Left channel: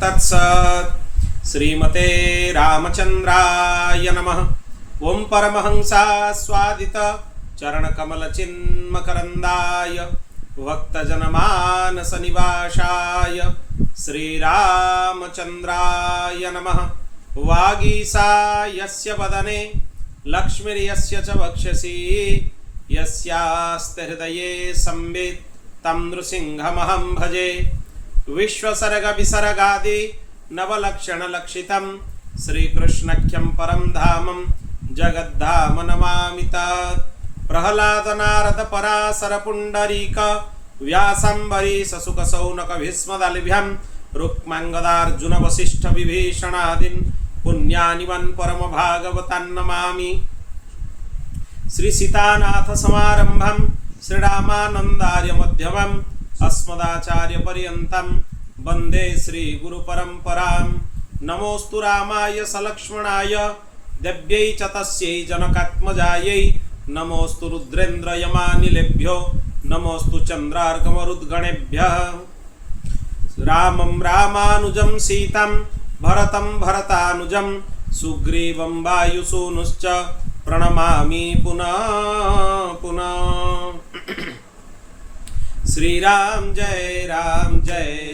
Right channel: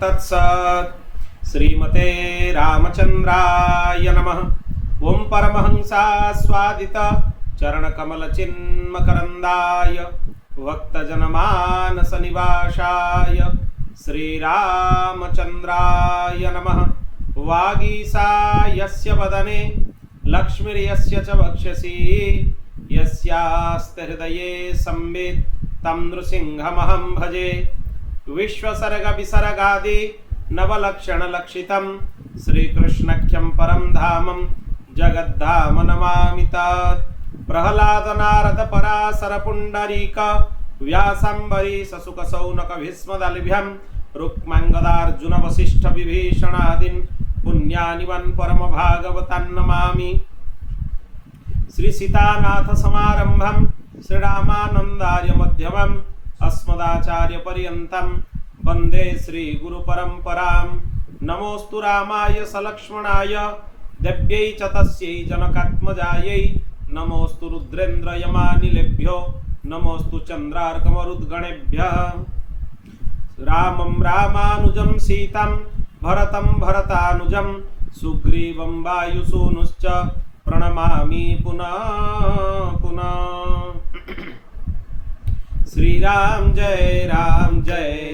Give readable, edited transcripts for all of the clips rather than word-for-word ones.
तत्सत्। श्रीमते रामचंद्राय नमः। ओं परमहंसास्वादित चरणकमलचिन्मकरन्दाय भक्तजनमानसनिवासाय श्रीरामचंद्राय नमः। वागीसायस्य वदने लक्ष्मीर्यस्य च वक्षसि यस्यास्ते हृदये संवित् तं नृसिंहमहं भजे। विश्वसर्गविसर्गादि नवलक्षणलक्षितं श्रीकृष्णख्यं परं धामं जगद्धाम नमामि तत्। प्रह्लादनारद पराशर पुण्डरीक व्यासाम्बरीश शुकशौनक भीष्मदलभ्यं रुक्माङ्गदार्जुन वसिष्ठ विभीषणादीन् पुण्यानिवन् परम भागवतान् नमामि। श्री सीतानाथ समारंभं श्रीरामानन्दार्य मध्यमम् अस्मदाचार्य पर्यन्तं वन्दे श्री गुरु परम्परां। नमोस्तु रामाय सलक्ष्मणाय देव्यै च तस्यै जनकात्मजायै। नमोस्तु रुद्रेन्द्र यमानिलेभ्यो नमोस्तु चन्द्रार्कमरुद्गणेभ्यः। रामं रामानुजं सीतं भरतं भरतानुजं सुग्रीवं वायुसूनुश्च प्रणमामि पुनः पुनः। श्रीराम जय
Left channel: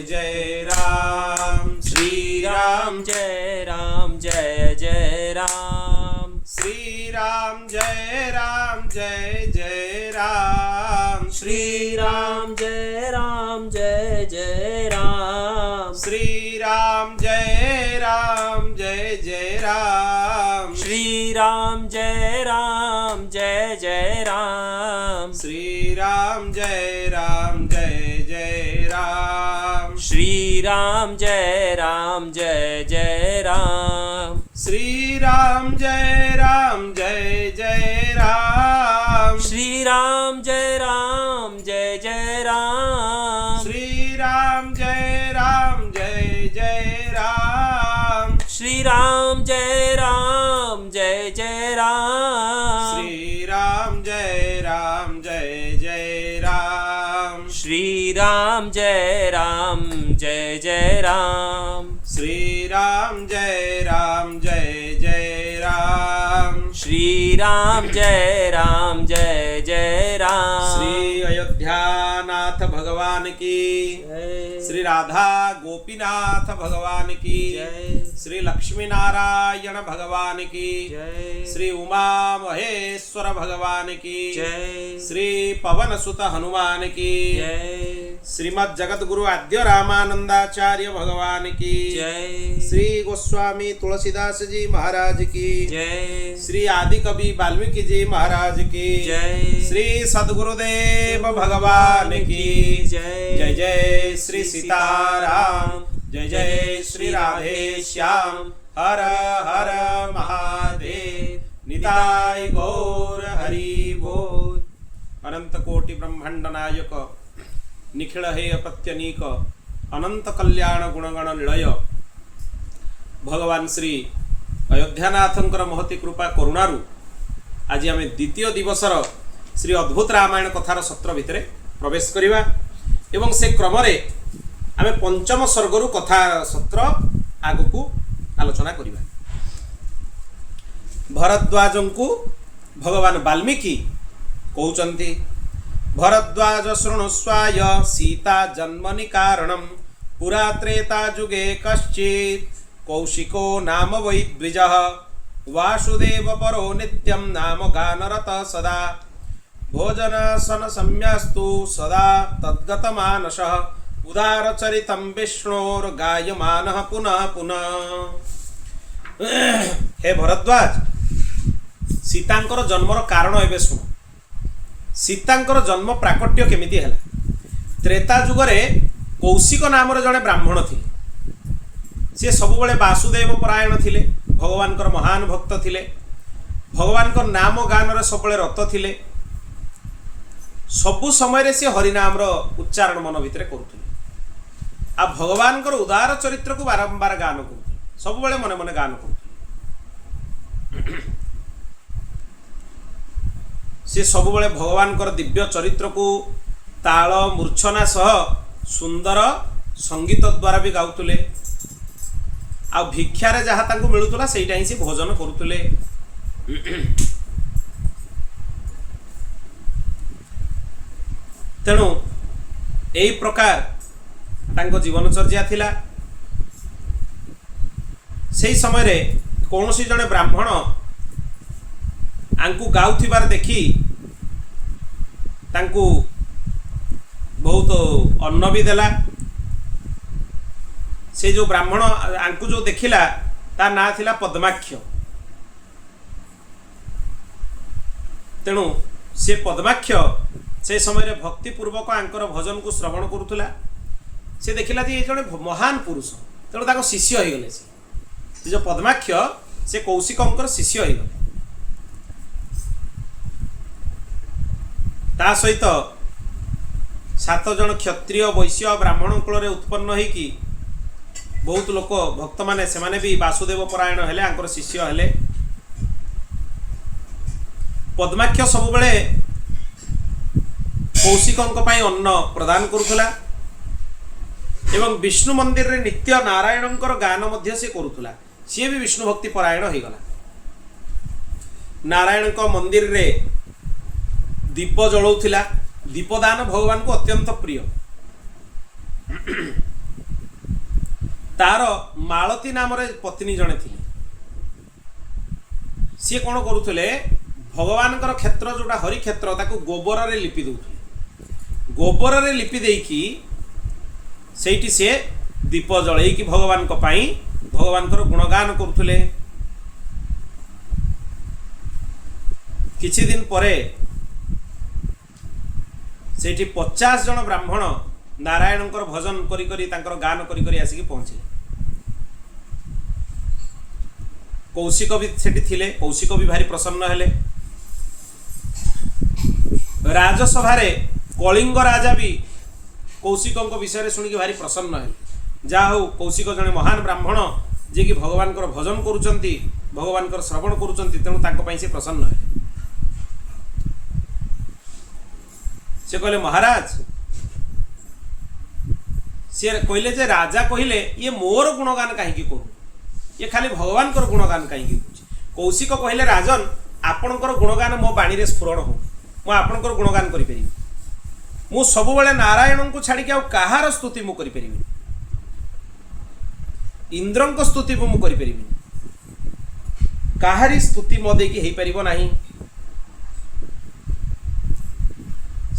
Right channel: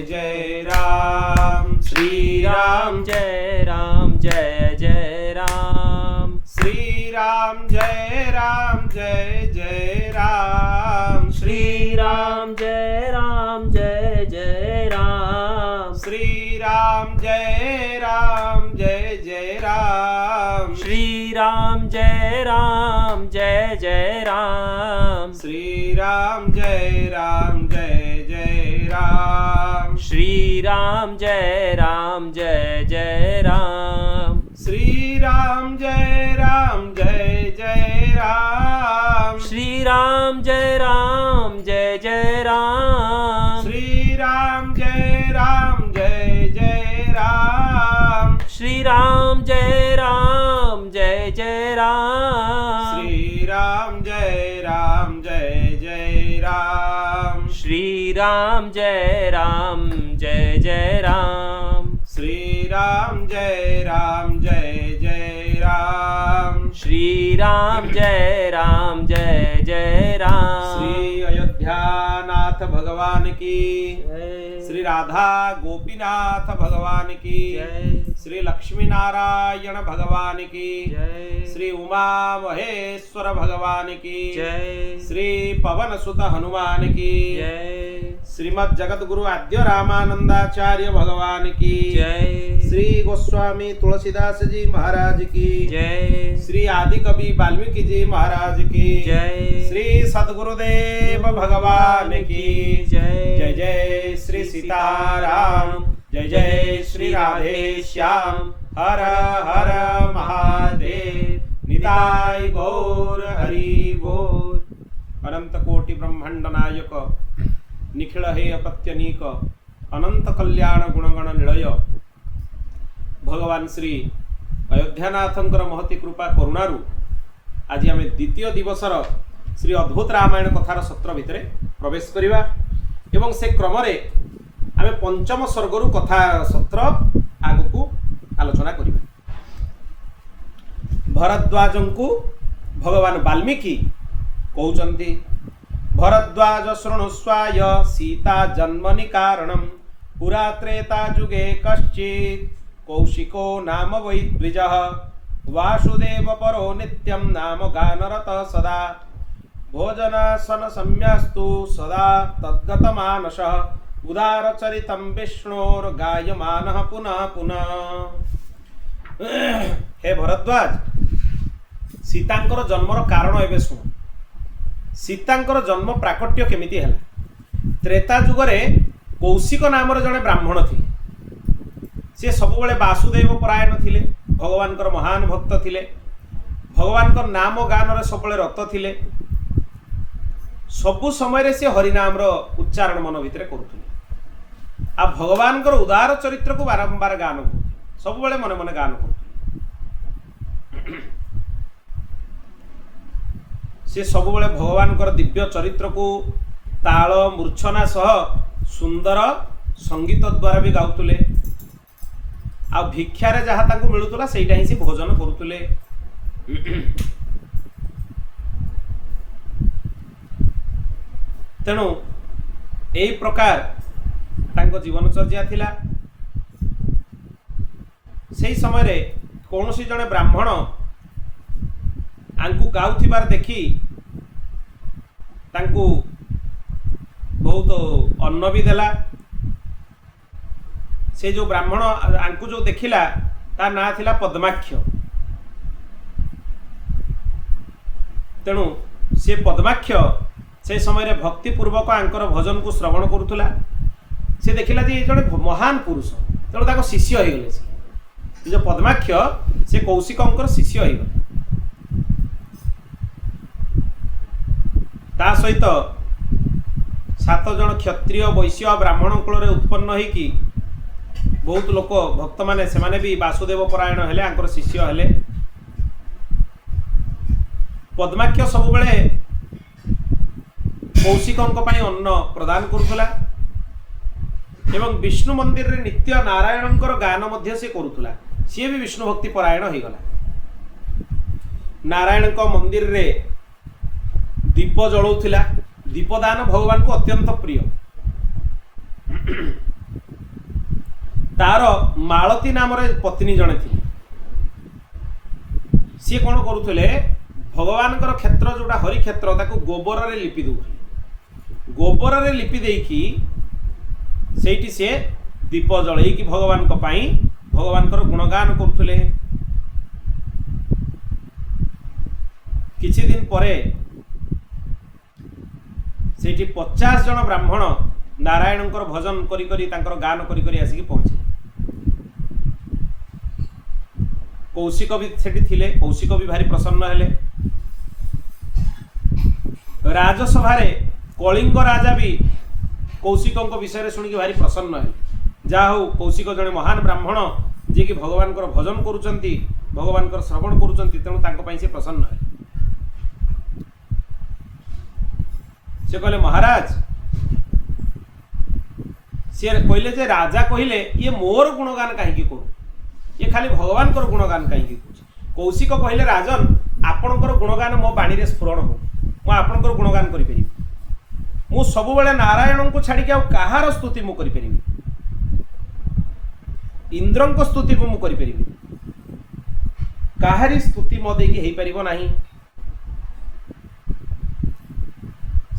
जय राम। श्रीराम जय जय राम। श्रीराम जय जय राम। श्रीराम जय जय राम। श्रीराम जय जय राम। श्रीराम जय जय राम। श्रीराम जय जय राम। श्रीराम जय जय राम। श्रीराम जय जय राम। श्रीराम जय जय राम। श्रीराम जय जय राम। श्रीराम जय जय राम। श्रीराम जय जय राम। श्रीराम जय जय राम। श्रीराम जय जय राम। श्रीराम जय जय राम। श्री अयोध्यानाथ भगवान की, श्री राधा गोपीनाथ भगवान की, श्री लक्ष्मी नारायण भगवान की, श्री उमा महेश्वर भगवान की, श्री पवन सुत हनुमान की, श्रीमद् जगत गुरु आद्य रामानंदाचार्य भगवान की, श्री गोस्वामी तुलसीदास जी महाराज की, श्री आदि कवि वाल्मीकि जी महाराज की, श्री सद्गुरुदेव भगवान की जय। जय श्री सीताराम, जय जय श्री राधे श्याम। हर हर महादेव, निताय गौर हरि बोल। अनंत कोटि ब्रह्मांड नायक, निखिल हे अपत्यनीक, अनंत कल्याण गुणगण निलय भगवान श्री अयोध्यानाथंकर महती कृपा करुणारू आज आम द्वितीय दिवसर श्री अद्भुत रामायण कथार सत्र भितर प्रवेश करिबा एवं से क्रम रे आम पंचम सर्गरु कथा सत्र आगकू आलोचना करिबा। भरद्वाजंकु भगवान वाल्मीकि कहउचंती, भरद्वाज शृणुस्वाय सीता जन्मनि कारणं पुरा त्रेता जुगे कश्चित् कौशिको नाम वै द्विजः वासुदेव परो नित्यं नाम गानरत सदा भोजनासन सम्यस्तु सदा तद्गतमानसः उदारचरितं विष्णोर्गायमानः पुनः पुनः। हे भरद्वाज, सीतांकर जन्मर कारण एबे सुन। सीतांकर जन्म प्राकट्य केमिति हैला? त्रेता जुगरे कौशिक नामर जड़े ब्राह्मण थे। सी सबुबले वासुदेव परायण थिले, भगवानकर महान भक्त थिले, भगवानकर नाम गान सबुबले रत थिले। सबु समय से हरिनाम उच्चारण मन भितर करुले। आ भगवानकर उदार चरित्र को बारंबार गान करुले, सबुबले मने मने गान करुले। से सबुबले भगवानकर दिव्य चरित्र को ताल मूर्छना सह सुंदर संगीत द्वारा भी गाउतुले। आ भिक्षारे जहाँ तांको मिलुतला सेटा ही से भोजन करुतले। तेणु यही प्रकार तांको जीवनचर्या थिला। सेही समय रे कौनसी जने ब्राह्मण आंकु गाउथिबार देखी तांकु बहुत अन्न भी देला। से जो ब्राह्मण आंकु जो देखिला ता ना थिला पद्माक्ष। तेणु से पद्माक्ष से समय रे भक्तिपूर्वक आंकर भजन को श्रवण करुला। से देखिला जे जड़े महान पुरुष, तेणु ताको शिष्य हो गले। से जो पद्माक्ष से कौशिकंकर शिष्य हो गले। ता सहित 7 जन क्षत्रिय वैश्य ब्राह्मण कुल उत्पन्न होइकी बहुत लोक भक्त माने से माने भी वासुदेव परायण हेले, आंकर शिष्य हेले। पद्माक्ष सब बेले कौशिकंक पई अन्न प्रदान करुला एवं विष्णु मंदिर रे नित्य नारायणंकर गान मध्य से करुला। सी भी विष्णु भक्ति परायण हो गला। नारायण को मंदिर रे दीप जलाउथिला। दीपदान भगवान को अत्यंत प्रिय। तार मालती नाम रे पत्नी जने थी। सी कौन करुले भगवान क्षेत्र जोटा हरि क्षेत्र ताको गोबर रे लिपि दउथिले। गोबर रे लिपि देकी सेठी से दीप जलैकी भगवान को पाई भगवान गुणगान करुले। किछि दिन परे सेठी 50 जन ब्राह्मण नारायण भजन करी करी तांकर गान करी करी आसिकी पहुँचे। कौशिक भी सेठी थिले। कौशिक भी भारी प्रसन्न हेले। राजसभा कलिंग राजा भी कौशिक विषय शुणिकी भारी प्रसन्न हेले। जा हो कौशिक जने महान ब्राह्मण जे कि भगवान भजन करुचंती, भगवान श्रवण करुचंती, तेणु तांको पई से प्रसन्न हेले। से कहले महाराज, सी कहले जे राजा कहले ये मोर गुणगान कहीं करू, ये खाली भगवान गुणगान कहीं कह। कौशिक कहले राजन आपणकर गुणगान मो बाणी रे स्फुरण हो, मु आपणकर गुणगान करि परिबी। मु सब बेले नारायण को छाड़ी आ कहार स्तुति मु करि परिबी। इंद्रंक स्तुति मु करि परिबी। काहारी स्तुति मो देकी हेई परिबो नाही।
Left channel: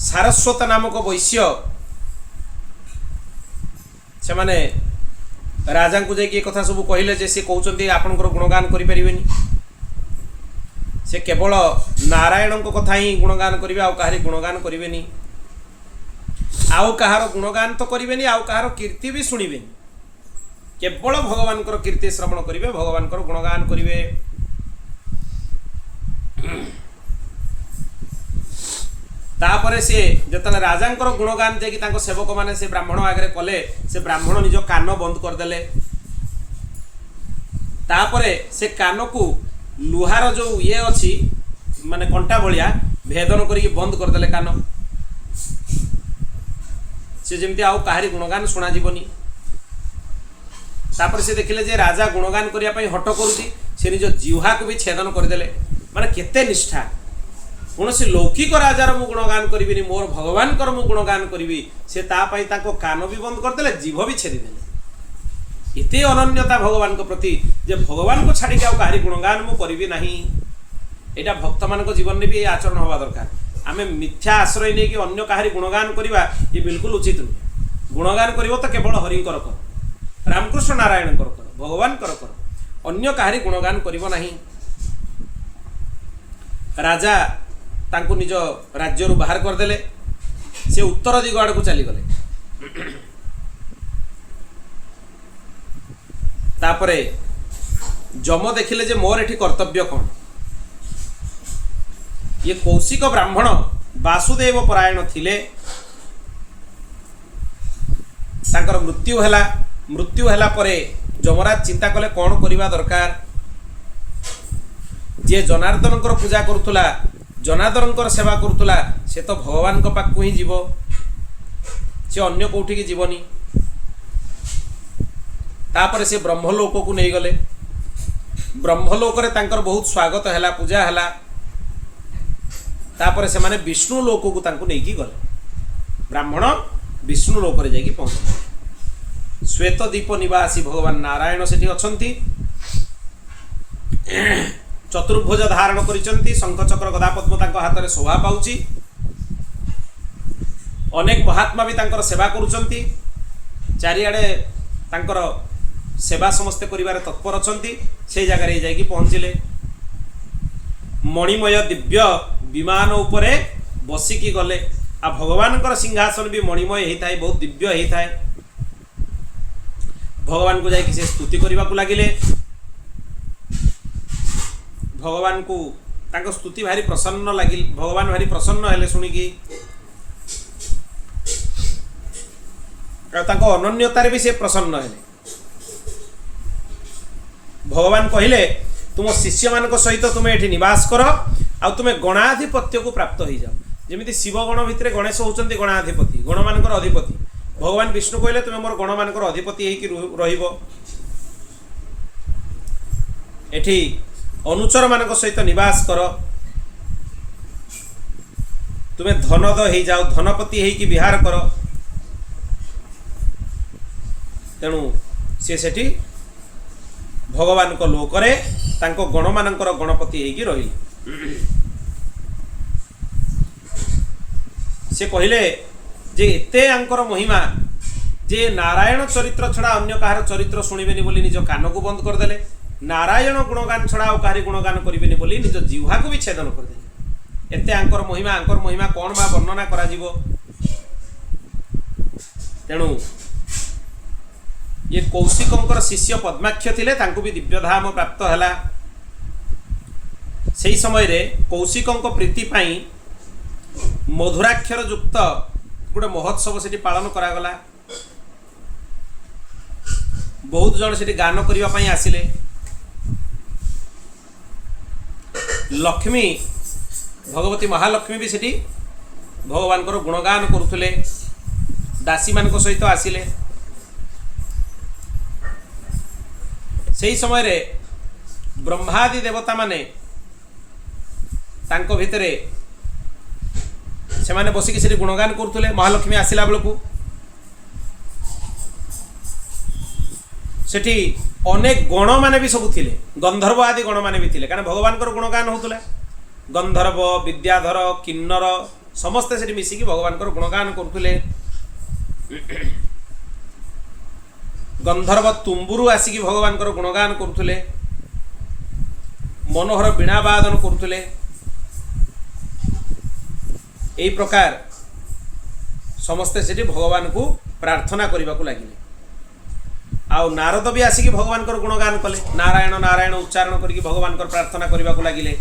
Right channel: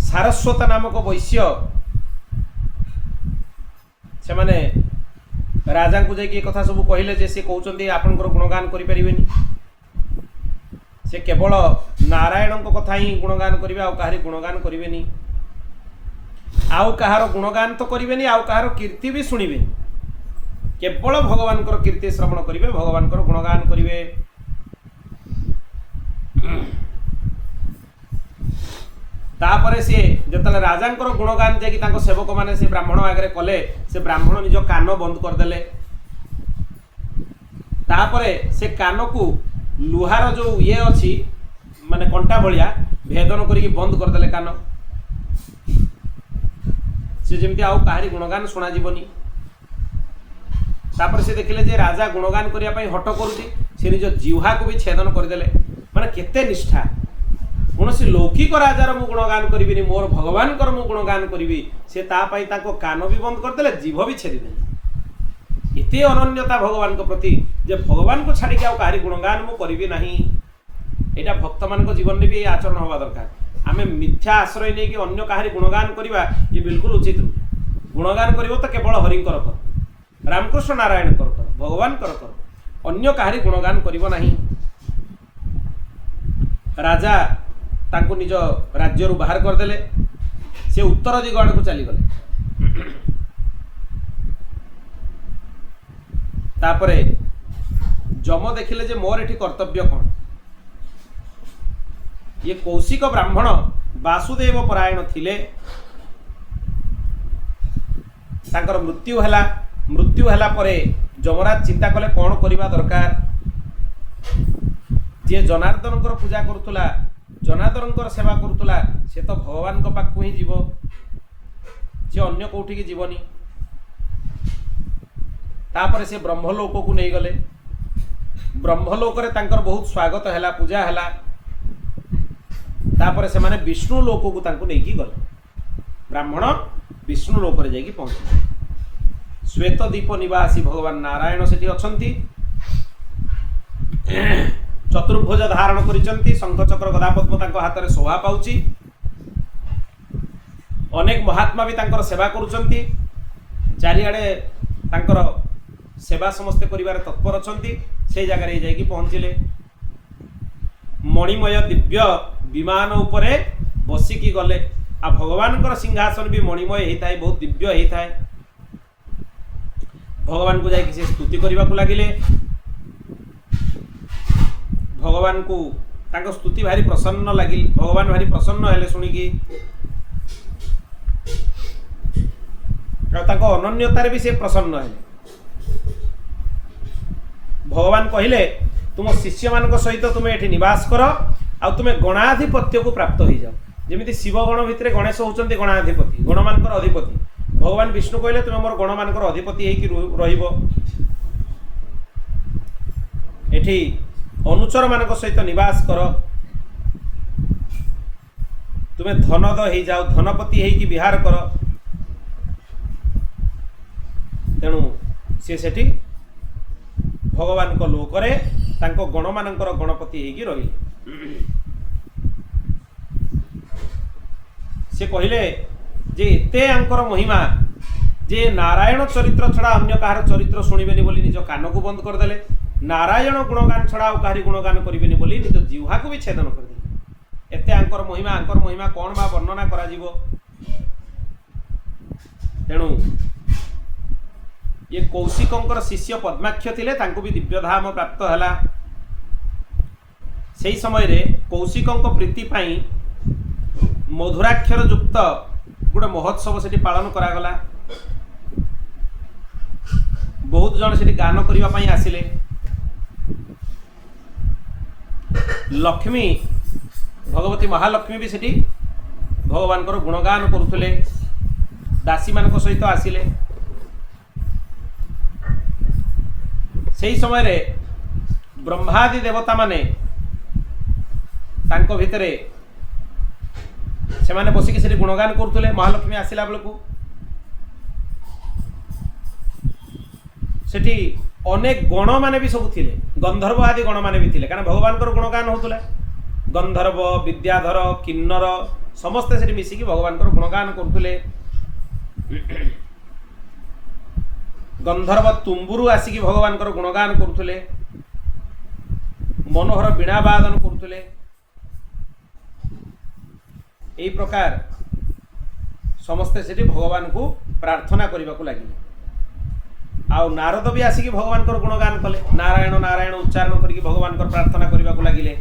सारस्वत नामक वैश्य से माने राजा को जाकि कथा सब कहले जे से कहउचंती आपनकर गुणगान करि परिबेनी। से केवल नारायण को कथा ही गुणगान करिवे, आ काहारी गुणगान करिवेनी। आउ कहार गुणगान तो करिवेनी, आउ कहार कीर्ति भी सुनिवेनी। केवल भगवान कीर्ति श्रवण करिवे, भगवान गुणगान करिवे। तापरे से जतले राजांकर गुणगान जे कि तांको सेवक माने से ब्राह्मण आगरे कले, से ब्राह्मण निज कान बंद कर देले। तापरे से कान को लुहार जो ये अछि माने कंटा भलिया भेदन करिक बंद कर देले कान। से जेमति आउ काहारी गुणगान सुना जीवनी। तापर से देखिले जे राजा गुणगान करिया पई हट करूची, से निज जिह्वा को भी छेदन कर देले। माने केते निष्ठा। कौन से लौकिक राजार मु गुणगान करी, मोर भगवान मु गुणगान करी, से तापाई ताको कान भी बंद करदे, जीभ भी छेदीदे। एते अनन्यता भगवान को प्रति जे भगवान को छाड़ी आ कहारी गुणगान मु करी नहीं। एटा भक्त मान जीवन में भी आचरण हवा दरकार। आमे मिथ्या आश्रय नहीं कि अन्य कहारी गुणगान करवा, ये बिल्कुल उचित नुहे। गुणगान करिवो तो केवल हरिंकर कर, रामकृष्ण नारायण कर, भगवान कर, अन्य कहारी गुणगान करिवो नहीं। राजा तांको निज राज्य बाहर करदेले। से उत्तर दिग आड़ को चलीगले। तापरे जम देखिले जे मोर एठी कर्तव्य कौन। ये कौशिक ब्राह्मण वासुदेव परायण थिले। तांकर मृत्यु हैला। मृत्यु हैला परे जमराज चिंता कले कौन करिबा दरकार। जे जनार्दन पूजा करुला, जनार्दन सेवा करुला, से तो भगवान को पाखु ही जीव, से अन्य कौटी की जीवनी। तापर से ब्रह्मलोक को नहीं गले। ब्रह्मलोक रे तांकर बहुत स्वागत हैला, पूजा हैला। तापर से माने विष्णु लोक को तांको नहीं की गले। ब्राह्मण विष्णु लोक रे जाई पहुंचे। श्वेत दीप निवासी भगवान नारायण सेठी अछंती। चतुर्भुज धारण करिसंती। शंख चक्र गदा पद्म तांको हाथ रे शोभा पाउची। अनेक महात्मा भी तांकर सेवा करुचंती। चारिआडे तांकर सेवा समस्ते करिवारे तत्पर अछंती। से जगह रे जाई पहुंचिले। मणिमय दिव्य विमान उपरे बसिकी गले। आ भगवान सिंहासन भी मणिमय होता है, बहुत दिव्य होता है। भगवान को जाई से स्तुति करने को लगिले। भगवान को तांको स्तुति भारी प्रसन्न लगिल। भगवान भारी प्रसन्न हेले शुणिकी। तांको अनन्यतार भी से प्रसन्न हेले। भगवान कहिले तुम शिष्य मान सहित तुम्हें एठी निवास कर आ तुम्हें गणाधिपत्य को प्राप्त हो जाओ। जमी शिवगण भितर गणेश होचंती गणाधिपति, गण मानकर अधिपति। भगवान विष्णु कहले तुम्हें मोर गण मानकर अधिपति होइकी रहिबो। एठी अनुचर मान सहित निवास कर। तुम्हें धनद हो जाओ, धनपति होइकी विहार कर। तेणु सी सेठी भगवान को लोकरे तांको गण मानकर गणपति होइकी रहिले। से कहले जे एते आंकर महिमा जे नारायण चरित्र छड़ा अन्य कहार चरित्र शुणिबेनी बोली निज कान को बंद करदेले। नारायण गुणगान छड़ा और कहारी गुणगान करिबेनी बोली निज जिह्वा को भी छेदन करदेले। एते आंकर महिमा कौन बा वर्णना करा जीवो। तेणु ये कौशिकंकर शिष्य पद्माक्ष थिले, तांको भी दिव्यधाम प्राप्त हैला। सेही समय रे कौशिकंक प्रीति पाई मधुराक्षर युक्त गोटे महोत्सव सेठी पालन करागला। बहुत जन सेठी गान करिवा पाई आसिले। लक्ष्मी भगवती महालक्ष्मी भी सेठी भगवान को गुणगान करुथुले। दासी मान सहित आसिले। सेही समय रे ब्रह्मादि देवता माने तांको भितरे से माने बसिकी सेठी गुणगान करुथुले। महालक्ष्मी आसिला बेलकू सेठी अनेक गण माने भी सब थिले। गंधर्व आदि गण माने भी थिले, कारण भगवान को गुणगान होतुला। गंधर्व, विद्याधर, किन्नर समस्ते सेठी मिसिकी भगवान को गुणगान करुथुले। गंधर्व तुम्बुरु आसिकी भगवान को गुणगान करुथुले। मनोहर वीणा वादन करुथुले। एई प्रकार समस्ते सेठी भगवान को प्रार्थना करने को लगिले। आउ नारद भी आसिकी भगवान को गुणगान कले। नारायण नारायण उच्चारण करके भगवान को प्रार्थना करने को लगिले।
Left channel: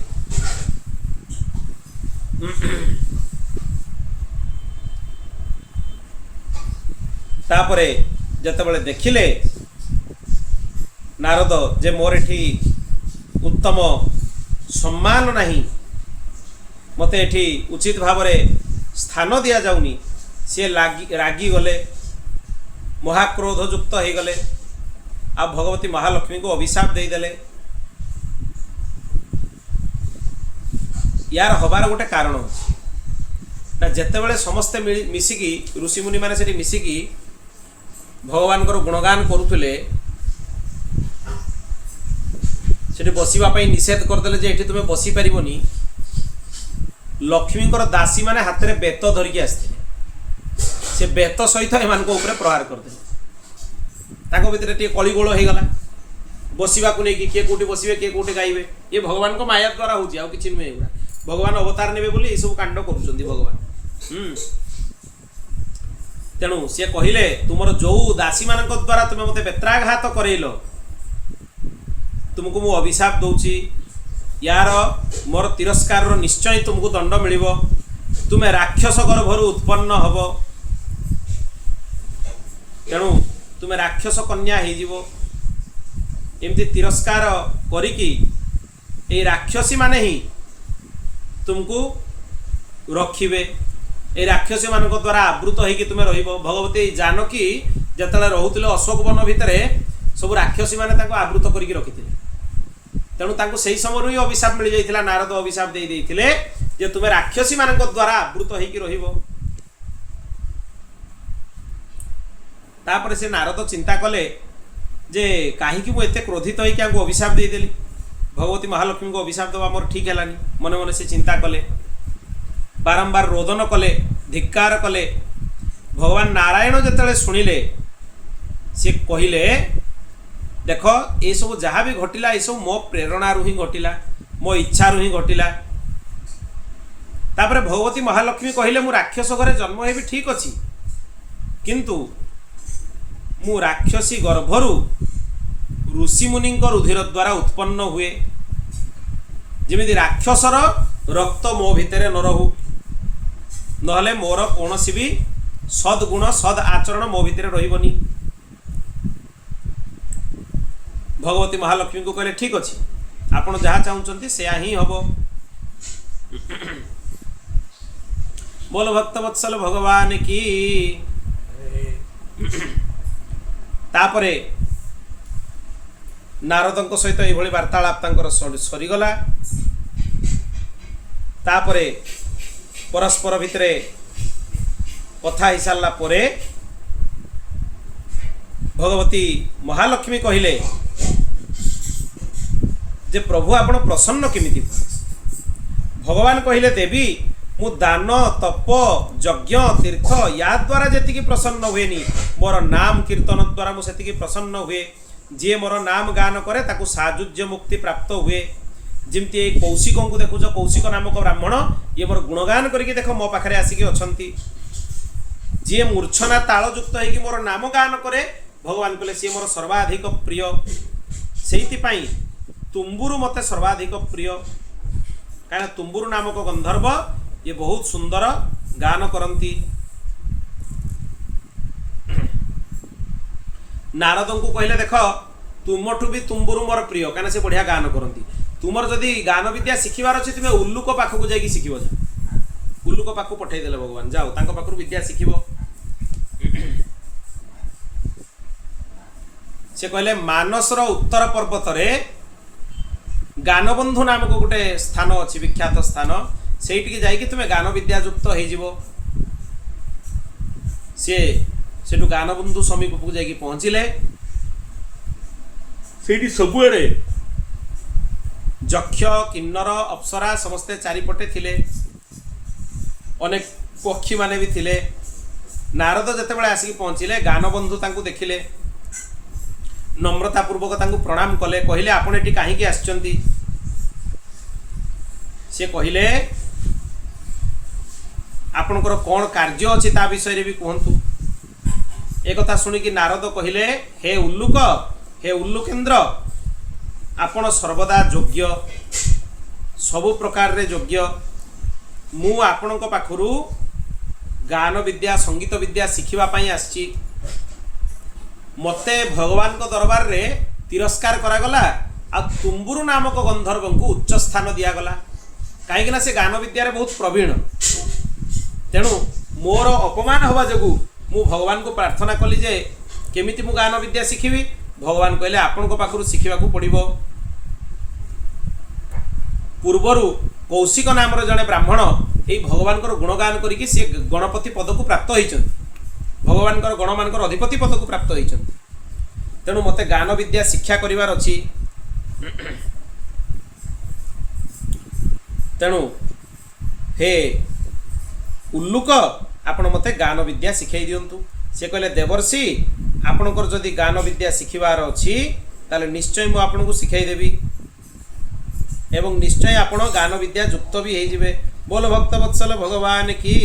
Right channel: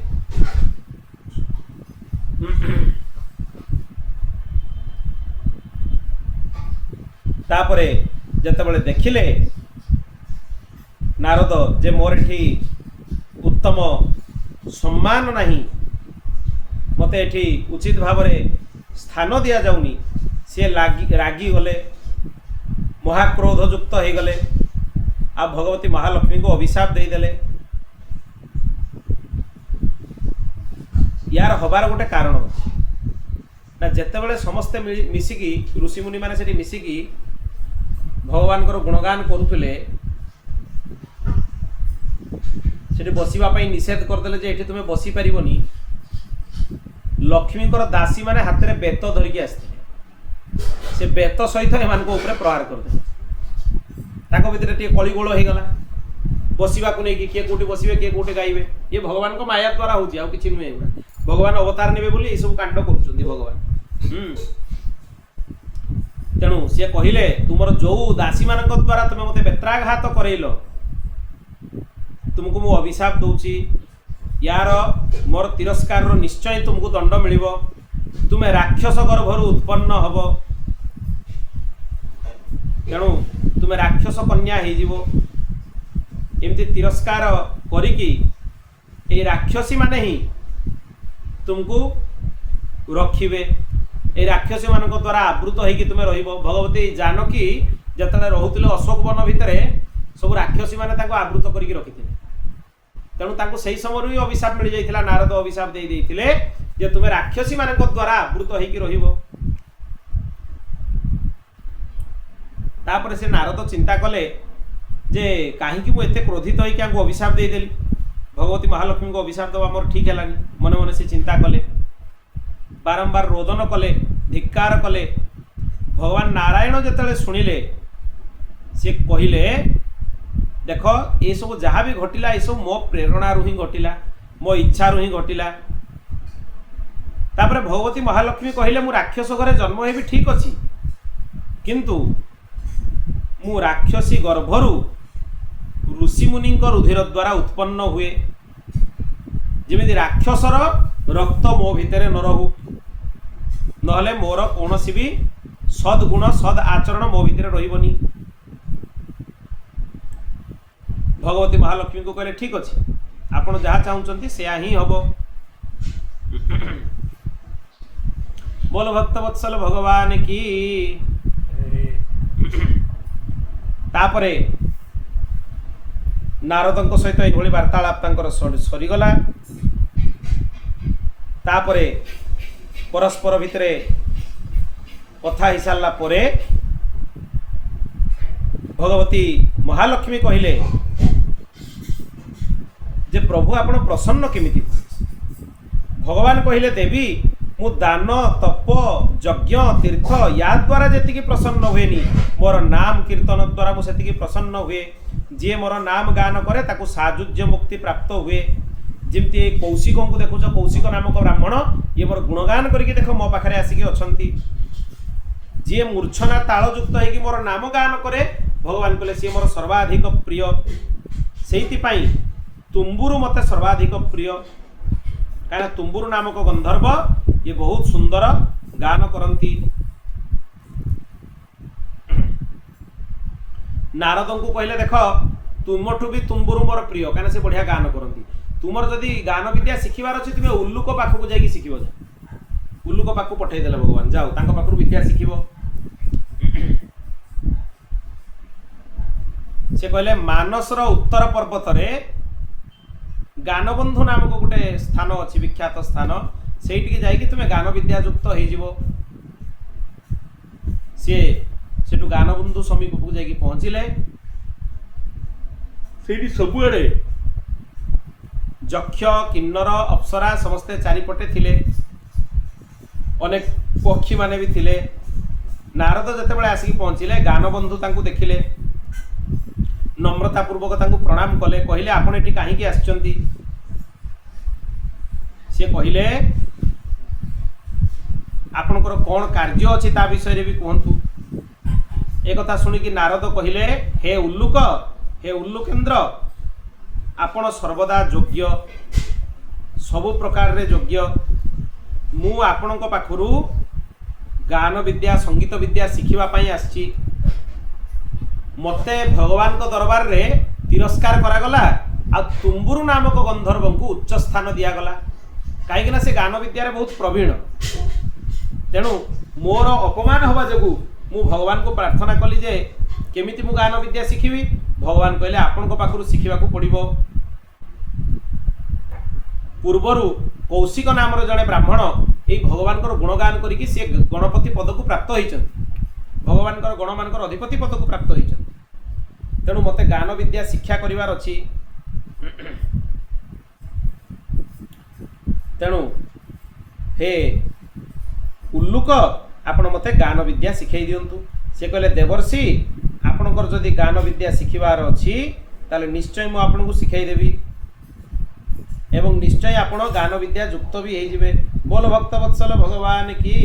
तापरे जतबेले देखिले नारद जे मोर एठी उत्तम सम्मान नहीं, मते एठी उचित भाव में स्थान दिया जाउनी, सी रागी गले, महाक्रोध युक्त हो गले। आ भगवती महालक्ष्मी को अभिशाप देदेले। यार हबार गोटे कारण अच्छे ना, जेतेबेले समस्ते मिसिकी ऋषिमुनि माने सेठी मिसिकी भगवान को गुणगान करुले, सेठी बसिबा पई निषेध करदेले जे एठी तुमे बसी परिबोनी। लक्ष्मी दासी माने हाथ में बेत धरिकी आसते, से बेत सहित एमान को ऊपर प्रहार करदे। ताको भितर टे कलिगोल हो गला। बसिबा को नहीं किए कोटी बसिबे किए कोटी गाइबे। ये भगवान को माया द्वारा होची, आ किछि नुहे। एगुडा भगवान अवतार नेबे बोली ए सब कांड करूछंदी भगवान। तेणु सी कहले तुमर जो दासी मान द्वारा तुम मत बेत्राघात करैल, तुमको मु अभिशाप दौची। यार मोर तिरस्कार निश्चय तुमको दंड मिल। तुम्हें राक्षस गर्भर उत्पन्न हब। तेणु तुम्हें राक्षस कन्या हो। एमती तिरस्कार करिकी ए राक्षसी माने ही तुमको रखिबे। ए राक्षसी मान द्वारा आवृत होगी तुम्हें रहिबो। भगवती जानकी जतले रहुतिले अशोक वन भितरे सब राक्षसी माने ताको आवृत करिक रखिथिले तेणु ताको सही समय ही अभिशाप मिल जाइथिला नारद अभिशाप दे देइथिले जे तुमे राक्षसी मानक द्वारा आवृत होइकी रहिबो तापर से नारद चिंता कले जे काहीकि मु एते क्रोधित होइकी आंको अभिशाप दे देली भगवती महालक्ष्मी को अभिशाप दवा मोर ठीक हेलानी मने मने से चिंता कले बारंबार रोदन कले धिक्कार कले भगवान नारायण जेतेले सुनिले से कहिले देख ये सब जहाँ भी घटिला ये सब मो प्रेरणा ही घटिला मो इच्छा ही घटिला तापर भगवती महालक्ष्मी कहिले मु राक्षस घरे जन्म हेबी ठीक अछि किंतु मु राक्षसी गर्भरु ऋषि मुनि रुधिर द्वारा उत्पन्न हुए जमी राक्षसर रक्त मो भितर न रहू नहले मोर कौन भी सद्गुण सद आचरण मो भितर रहिबनी भगवती महालक्ष्मी को कहले ठीक अच्छे आपण जहाँ चाहते से ही हम बोल भक्त वत्सल भगवान की तापरे नारदों सहित ये वार्तालाप सरीगला तापरे परस्पर भितरे कथा ही सारा परे भगवती महालक्ष्मी कहिले जे प्रभु आपण प्रसन्न केमिति भगवान कहिले देवी मु दान तप यज्ञ तीर्थ या द्वारा जी प्रसन्न हुएनी मोर नाम कीर्तन द्वारा मुझे प्रसन्न हुए जी मोर नाम गान करे ताकू साजुज्य मुक्ति प्राप्त हुए जमती कौशिक को देखुच कौशिक नामक ब्राह्मण ये मोर गुणगान करके देख मो पाखे आसिक अच्छा जी मूर्छना तालयुक्त होगी मोर नाम गान करे भगवान कहले सी मोर सर्वाधिक प्रिय से तुम्बुरु मते सर्वाधिक प्रिय कहीं तुम्बुरु नामक गंधर्व ये बहुत सुंदर गान करती नारद को कहले देख तुमठू भी तुम्बुरु मोर प्रिय कहीं से बढ़िया गान करती तुमर जदि गान विद्या शिखिबार अच्छी तुम्हें उल्लुक पाखक जाकि शिख जा उल्लुक पाखक पठेदेले भगवान जाओ तांको पाखरु विद्या शिखिब से कहले मानसर उत्तर पर्वत रे गानबंधु नामक गोटे स्थान अच्छी विख्यात स्थान से जाकि तुम्हें गान विद्या युक्त हो सी सेठू गानबंधु समीप को जाकि पहुँचले से सबुआड़े यक्ष किन्नर अप्सरा समस्ते चारिपटे थिले अनेक पक्षी माने भी थिले नारद जेतेबेले आसिक पहुँचले गानबंधु तांकु देखिले नम्रतापूर्वक तांकु प्रणाम कले कहले आपण एटी काहीकि आछंती से कहले आपणकर कौन कार्य अच्छी ता विषय भी कहतु एक कथा शुणिकी नारद कहले हे उल्लुकेन्द्र आपण सर्वदा योग्य सबु प्रकार रे योग्य मु आपणक पाखरु गान विद्या संगीत विद्या शिखिबा पई आछि मते भगवान को दरबार रे तिरस्कार करागला आ तुम्बुरु नामक गंधर्व को उच्च स्थान दियागला कहीं से गान विद्यार बहुत प्रवीण तेणु मोर अपमान हवा जोगु मु भगवान को प्रार्थना कली जे केमिति मु गान विद्या शिखिबी भगवान कहले आपण को पाखरु शिखिबा को पड़िबो पूर्वरु कौशिक नाम जड़े ब्राह्मण यही भगवान गुणगान करिकी सी गणपति पद को प्राप्त होती भगवान गण मान अधिपति पद को प्राप्त होती तेणु मते गान विद्या शिक्षा करिवार अछि तेणु हे उल्लुक आपण मते गान विद्या शिखाई दियंतु से कहले देवर्षि आपणकर जदि गान विद्या शिखिबार अछि ताले निश्चय मु आपनको शिखाई देबी एवं निश्चय आपण गान विद्या युक्त भी हो जिवे बोल भक्त वत्सल भगवान की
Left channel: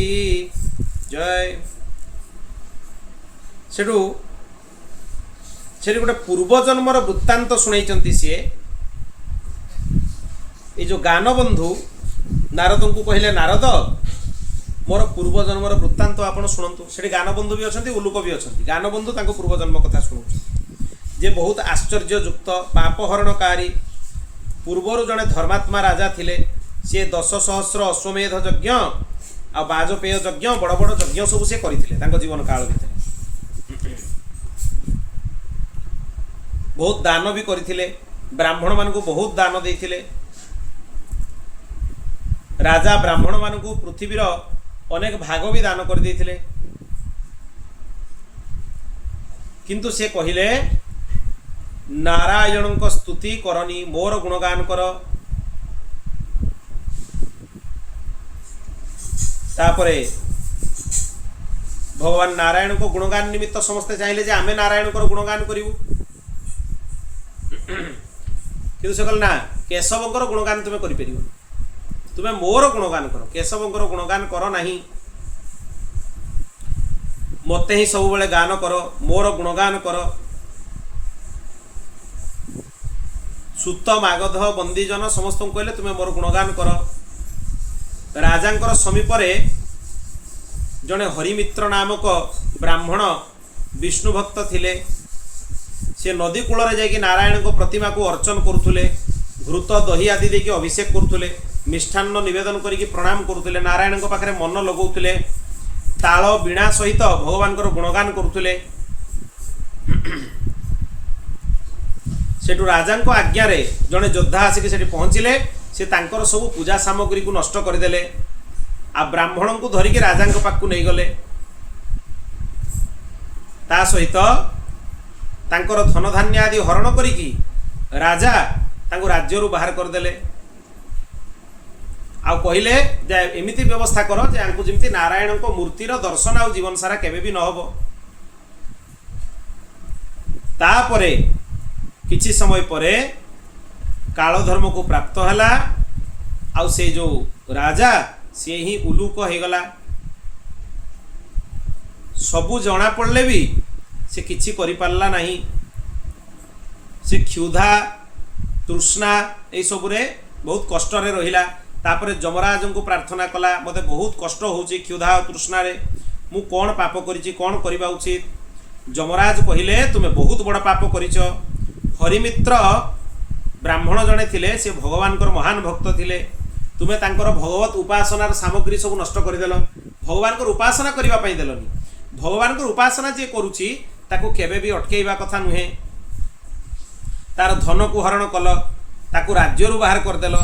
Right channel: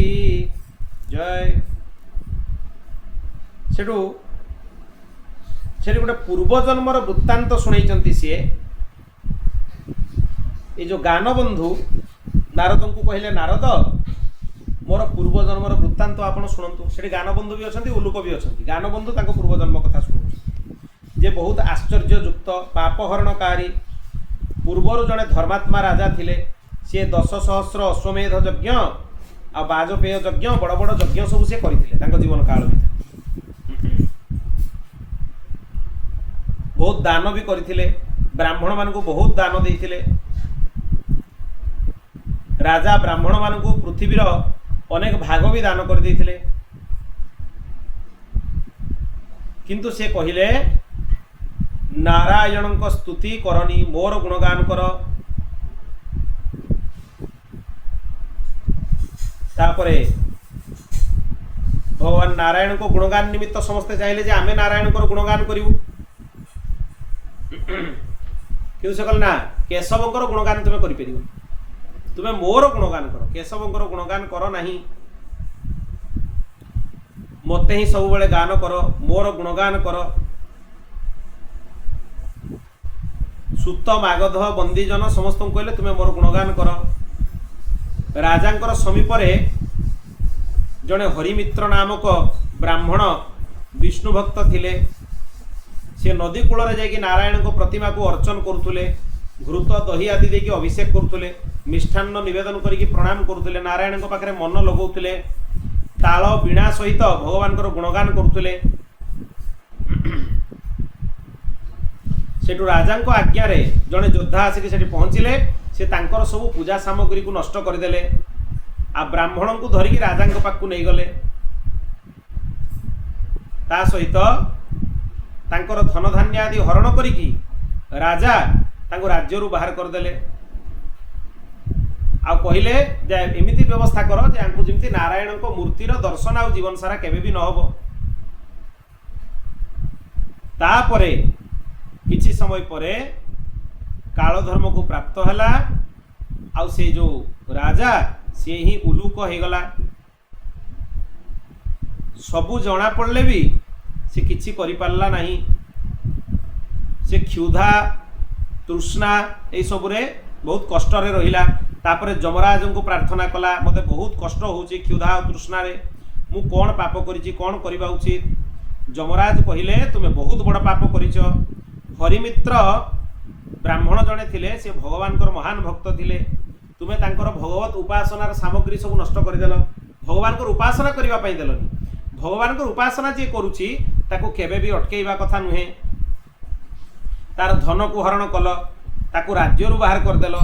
जय सेठू गोटे पूर्वजन्मर वृत्तांत शुणाई सी ये जो गानबंधु नारद को कहले नारद मोर पूर्वजन्मर वृत्तांत आपण शुणु से गानबंधु भी अच्छा उल्लुक भी अच्छा गानबंधु पूर्वजन्म कथा शुणु जे बहुत आश्चर्ययुक्त पापहरणकारी पूर्वर जड़े धर्मात्मा राजा थिले सी 10 सहस्र अश्वमेध यज्ञ आ बाजपेय यज्ञ बड़ बड़ यज्ञ सब से करते जीवन काल भर बहुत दान भी करथिले, ब्राह्मण मानकु बहुत दान देइथिले। राजा ब्राह्मण मानकु पृथ्वीर अनेक भाग भी दान कर देइथिले, किंतु से कहिले नारायणक स्तुति करनी, मोर गुणगान कर। तापरे भगवान नारायण को गुणगान निमित्त समस्ते चाहिए जे आमे नारायण को गुणगान करिवु, किंतु से कहले ना केशवंकर गुणगान तुमे करि परिबो, तुमे मोर गुणगान कर, केशवंकर गुणगान कर नाही, मते ही सब बेले गान कर, मोर गुणगान कर। सुत मागध बंदीजन समस्त कहले तुमे मोर गुणगान कर। राजांकर समीप जड़े हरिमित्र नामक ब्राह्मण विष्णु भक्त थिले, से नदी कूल जाकि नारायण को प्रतिमा को अर्चन करुले, घृत दही आदि देकी अभिषेक करुले, मिष्ठान्न निवेदन करिकी प्रणाम करुले, नारायण पाखे मन लगौले, ताल बीणा सहित भगवान गुणगान करुले। सेठू राजा आज्ञा रे जड़े योद्धा आसिक सेठी पहुँचले, से तांकर सब पूजा सामग्री को नष्ट करदेले, आ ब्राह्मण को धरिकी राजा पाखु नहीं गले। ता सहित तांकर धन धान्य आदि हरण करिकी राजा तांको राज्यरू बाहर करदेले। आ कहले जे एमिति व्यवस्था कर जे आंकु जेमति नारायण को मूर्तिर दर्शन आ जीवन सारा केबे भी न हबो। तापरे किछि समय परे कालधर्म को प्राप्त हैला, आ से जो राजा से ही उलूक हो गला। सबू जना पड़ले भी से किछि करि पारला नहीं, से क्षुधा तृष्णा ए सबरे बहुत कष्ट रे रहिला। तापरे जमराज को प्रार्थना कला, मते बहुत कष्ट होची क्षुधा और तृष्णा रे, मु कोन पाप करिछि, कोन करिबा उचित। जमराज कहिले तुमे बहुत बड़ पाप करिछ। हरिमित्र ब्राह्मण जने थिले, से भगवान को महान भक्त थिले, तुमे तांकर भगवत उपासनार सामग्री सब नष्ट करदेल, भगवान को उपासना करबा पई देलनी। भगवान को उपासना जे करूची ताको केबे भी अटकेइबा कथा नुहे। तार धन को हरण कल, ताको राज्यरू बाहर करदेल,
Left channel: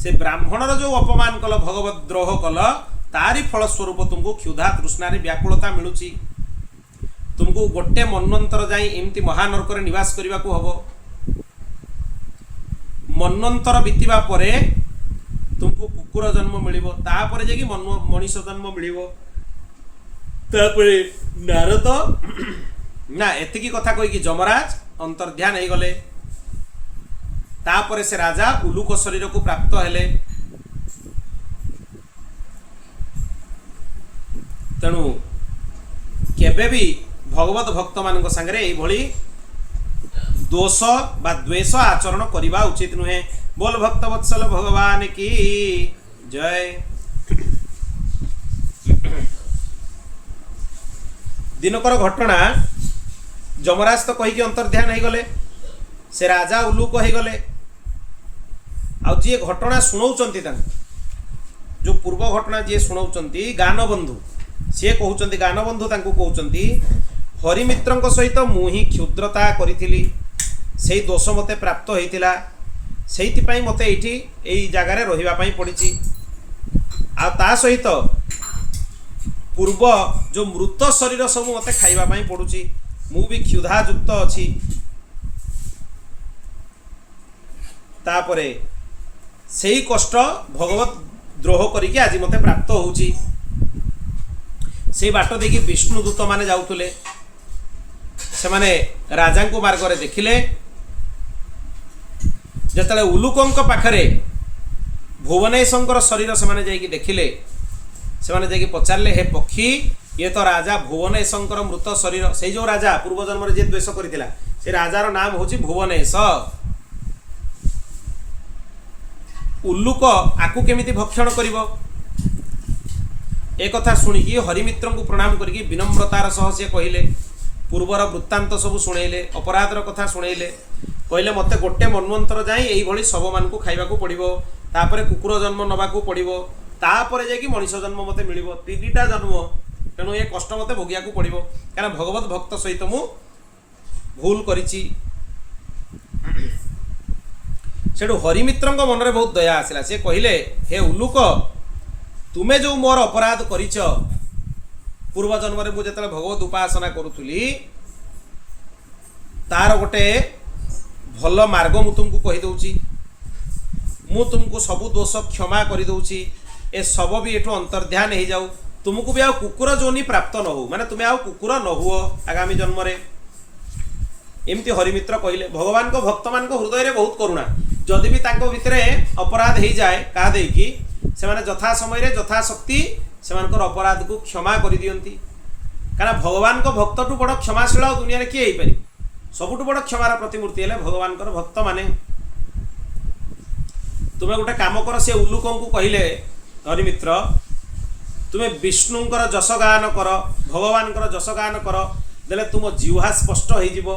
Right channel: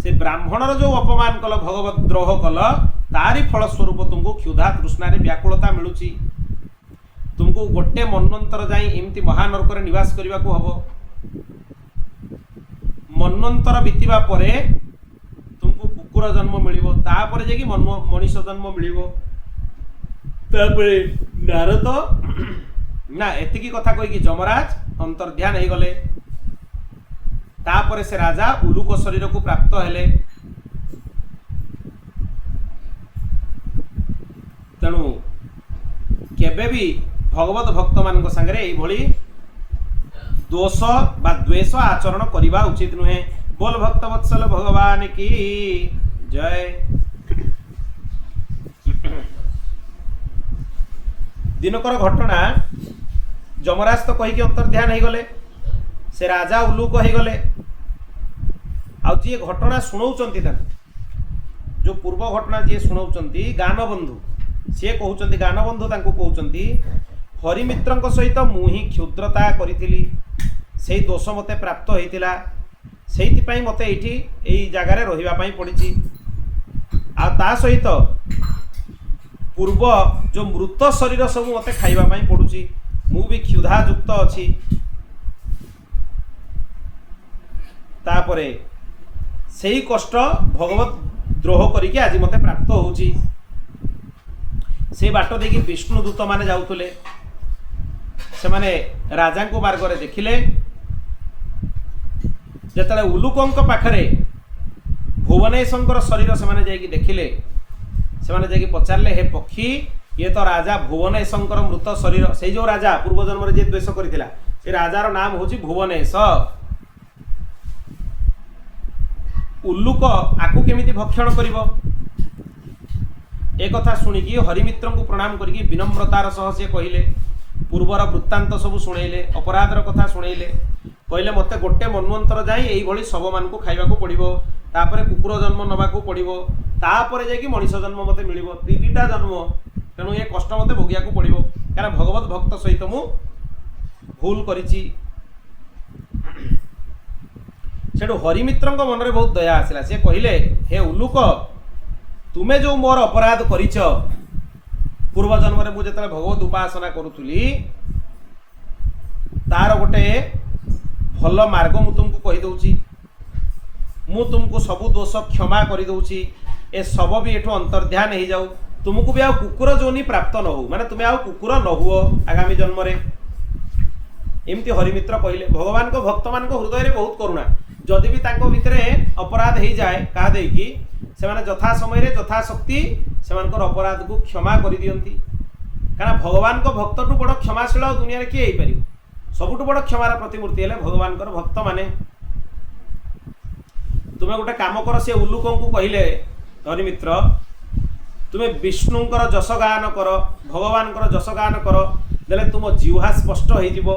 से ब्राह्मणर जो अपमान कल, भगवत द्रोह कल, तारी फलस्वरूप तुमको क्षुधा तृष्णा रे व्याकुलता मिलुची। तुमको गोटे मन्वंतर जाई एमती महानरक निवास करने को हबो। मन्वंतर बीतवा परे तुमको कुकुर जन्म मिलिबो, तापरे जे कि मनीष जन्म मिलिबो। तापरे नारद ना एतिकी कथा कहि कि जमराज अंतर्ध्यान हो गले। तापरे से राजा उलूक शरीर को प्राप्त हेले। तेणु केबे भी भगवत भक्त मान संगे यही दोष बा द्वेष आचरण करने उचित नुहे। बोल भक्त वत्सल भगवान की जय। दिनकर घटना जमराज तो कहीकि अंतर्ध्यान हो गले, से राजा उलूक हो गले। आ जी घटना शुणाउचंती जो पूर्व घटना जी शुणाउचंती गानबंधु, सी कहउचंती गानबंधु तांको कहउचंती हरिमित्रंक सहित मु ही क्षुद्रता करिथिली, सेही दोष मते प्राप्त होइतिला, सेहितिपई मते एठी एई जगार रहिबा पई पड़िछि। आ ता सहित पूर्व जो मृत शरीर सब मते खाइबा पई पड़ुछि, मु भी क्षुधायुक्त अछि। तापरे सेही कष्ट भगवत द्रोह करिके आज मते प्राप्त होउछि। से बाट देखि विष्णुदूत माने जाउतले, से माने राजा को मार्ग देखिले। जतले उलूकंक पाखरे भुवनेशंकर शरीर से माने जाइकी देखिले, से माने जाइकी पचारले, हे पक्षी ये तो राजा भुवनेशंकर मृत शरीर। से जो राजा पूर्व जन्म रे जे द्वेष करथिला, से राजार नाम होछि भुवनेश। उल्लूक आकु केमिति भक्षण करिवो, एक कथा शुणिकी हरिमित्र को प्रणाम करिकी विनम्रतार सह से कहले, पूर्वर वृत्तांत सब शुणेले, अपराधर कथा शुणेले। कहले मते गोटे मन्वंतर जाई एई भली सब मान को खाइबा को पड़िबो, तापरे कुकुर जन्म नबा को पड़िबो, तापरे जाई कि मनीष जन्म मते मिलिबो, तीनिटा जन्म। तेणु ये कष्ट मते भोगिया को पड़िबो, कारण भगवत भक्त सहित मु भूल करिछि। सेठू हरिमित्र मन में बहुत दया आसला। से कहले हे उल्लुक तुमे जो मोर अपराध करिच पूर्व जन्म में मुझे भगवत उपासना करुली तार गोटे भल मार्ग मु तुमको कहीदे मु तुमको सबु दोष क्षमा कर दौची ए सब भी एठू अंतर्ध्यान हो जाऊ तुमको भी आ कुकुर जोनि प्राप्त न हो माने तुम्हें आ कुकुर न हुओ आगामी जन्म रे एमती हरिमित्र कहले। भगवान को भक्त मान हृदय में बहुत करुणा जदि भी तांको भितरे अपराध हो जाए क्या देकी से माने यथा समय यथाशक्ति से अपराध को क्षमा कर दियंती कारण भगवान को भक्त टू बड़ क्षमाशील दुनिया रे किए पारि सबुठु बड़ क्षमार प्रतिमूर्ति है भगवान भक्त माने। तुम्हें गोटे काम कर से उल्लुक को कहले हरिमित्र तुम्हें विष्णुंकर जश गान कर भगवान जश गान कर देले तुम जिह्वा स्पष्ट हो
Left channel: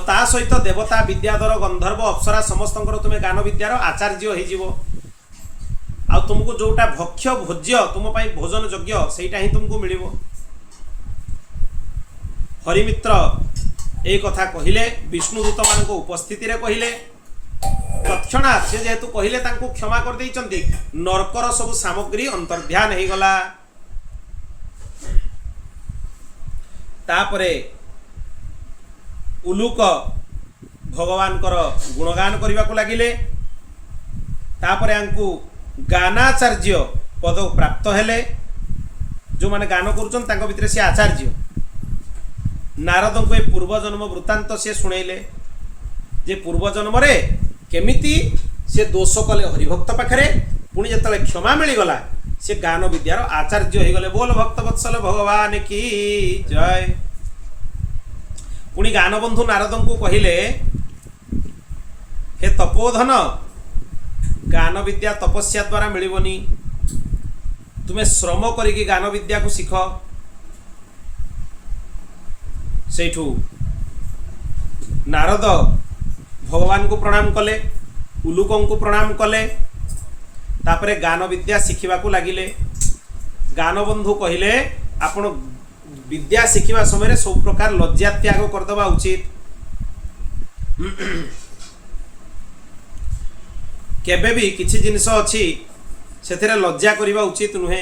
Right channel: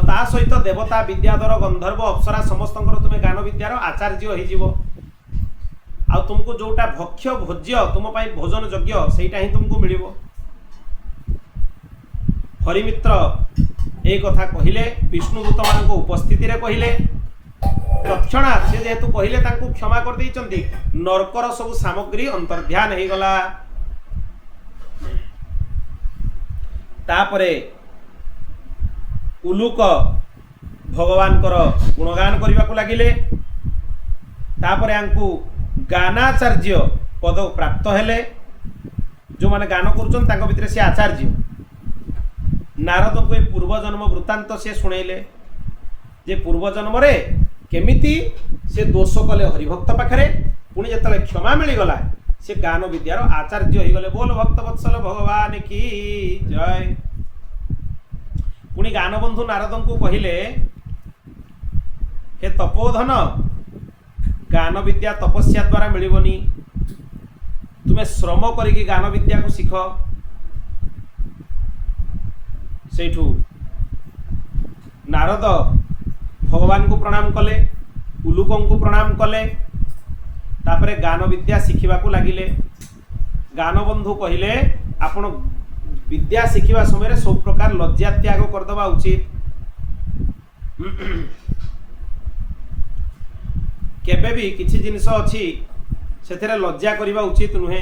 ता सहित देवता विद्याधर गंधर्व अप्सरा समस्त तुम्हें गान विद्यार आचार्य हो तुमको जोटा भक्ष्य भोज्य तुम भोजन योग्य सेटा ही तुमको मिल। हरिमित्र ए कथा कहले विष्णुदूत मान उपस्थिति रे कहले तत्क्षणात् से जेहेतु कहले तांको क्षमा कर देइचंती नरकर सब सामग्री अंतर्ध्यान हो गला। तापरे उल्लुक भगवान गुणगान करने को लगिले तापरे आंकु गानाचार्य पद प्राप्त हेले जो माने गान करुचन तांको भितरे से आचार्य नारद को ए पूर्व जन्म वृत्तांत से शुणेले जे पूर्व जन्म रे केमिति से दोष कले हरिभक्त पाखरे पुणी जतले क्षमा मिलगला से गान विद्यार आचार्य हो गले। बोल भक्त वत्सल भगवान की जय। पुणी गानबंधु नारद को कहले हे तपोधन गान विद्या तपस्या द्वारा मिलबनी तुम्हें श्रम करिकी गान विद्या को शिख। सेठू नारद भगवान को प्रणाम कले उल्लुक को प्रणाम कले तापरे गान विद्या शिखिबा को लागिले। गानबंधु कहले आपण विद्या शिखिबा समय सब प्रकार लज्जा त्याग करदबा उचित केबे भी किछि जिनिस अछि सेथिरे लज्जा करिबा उचित नुहे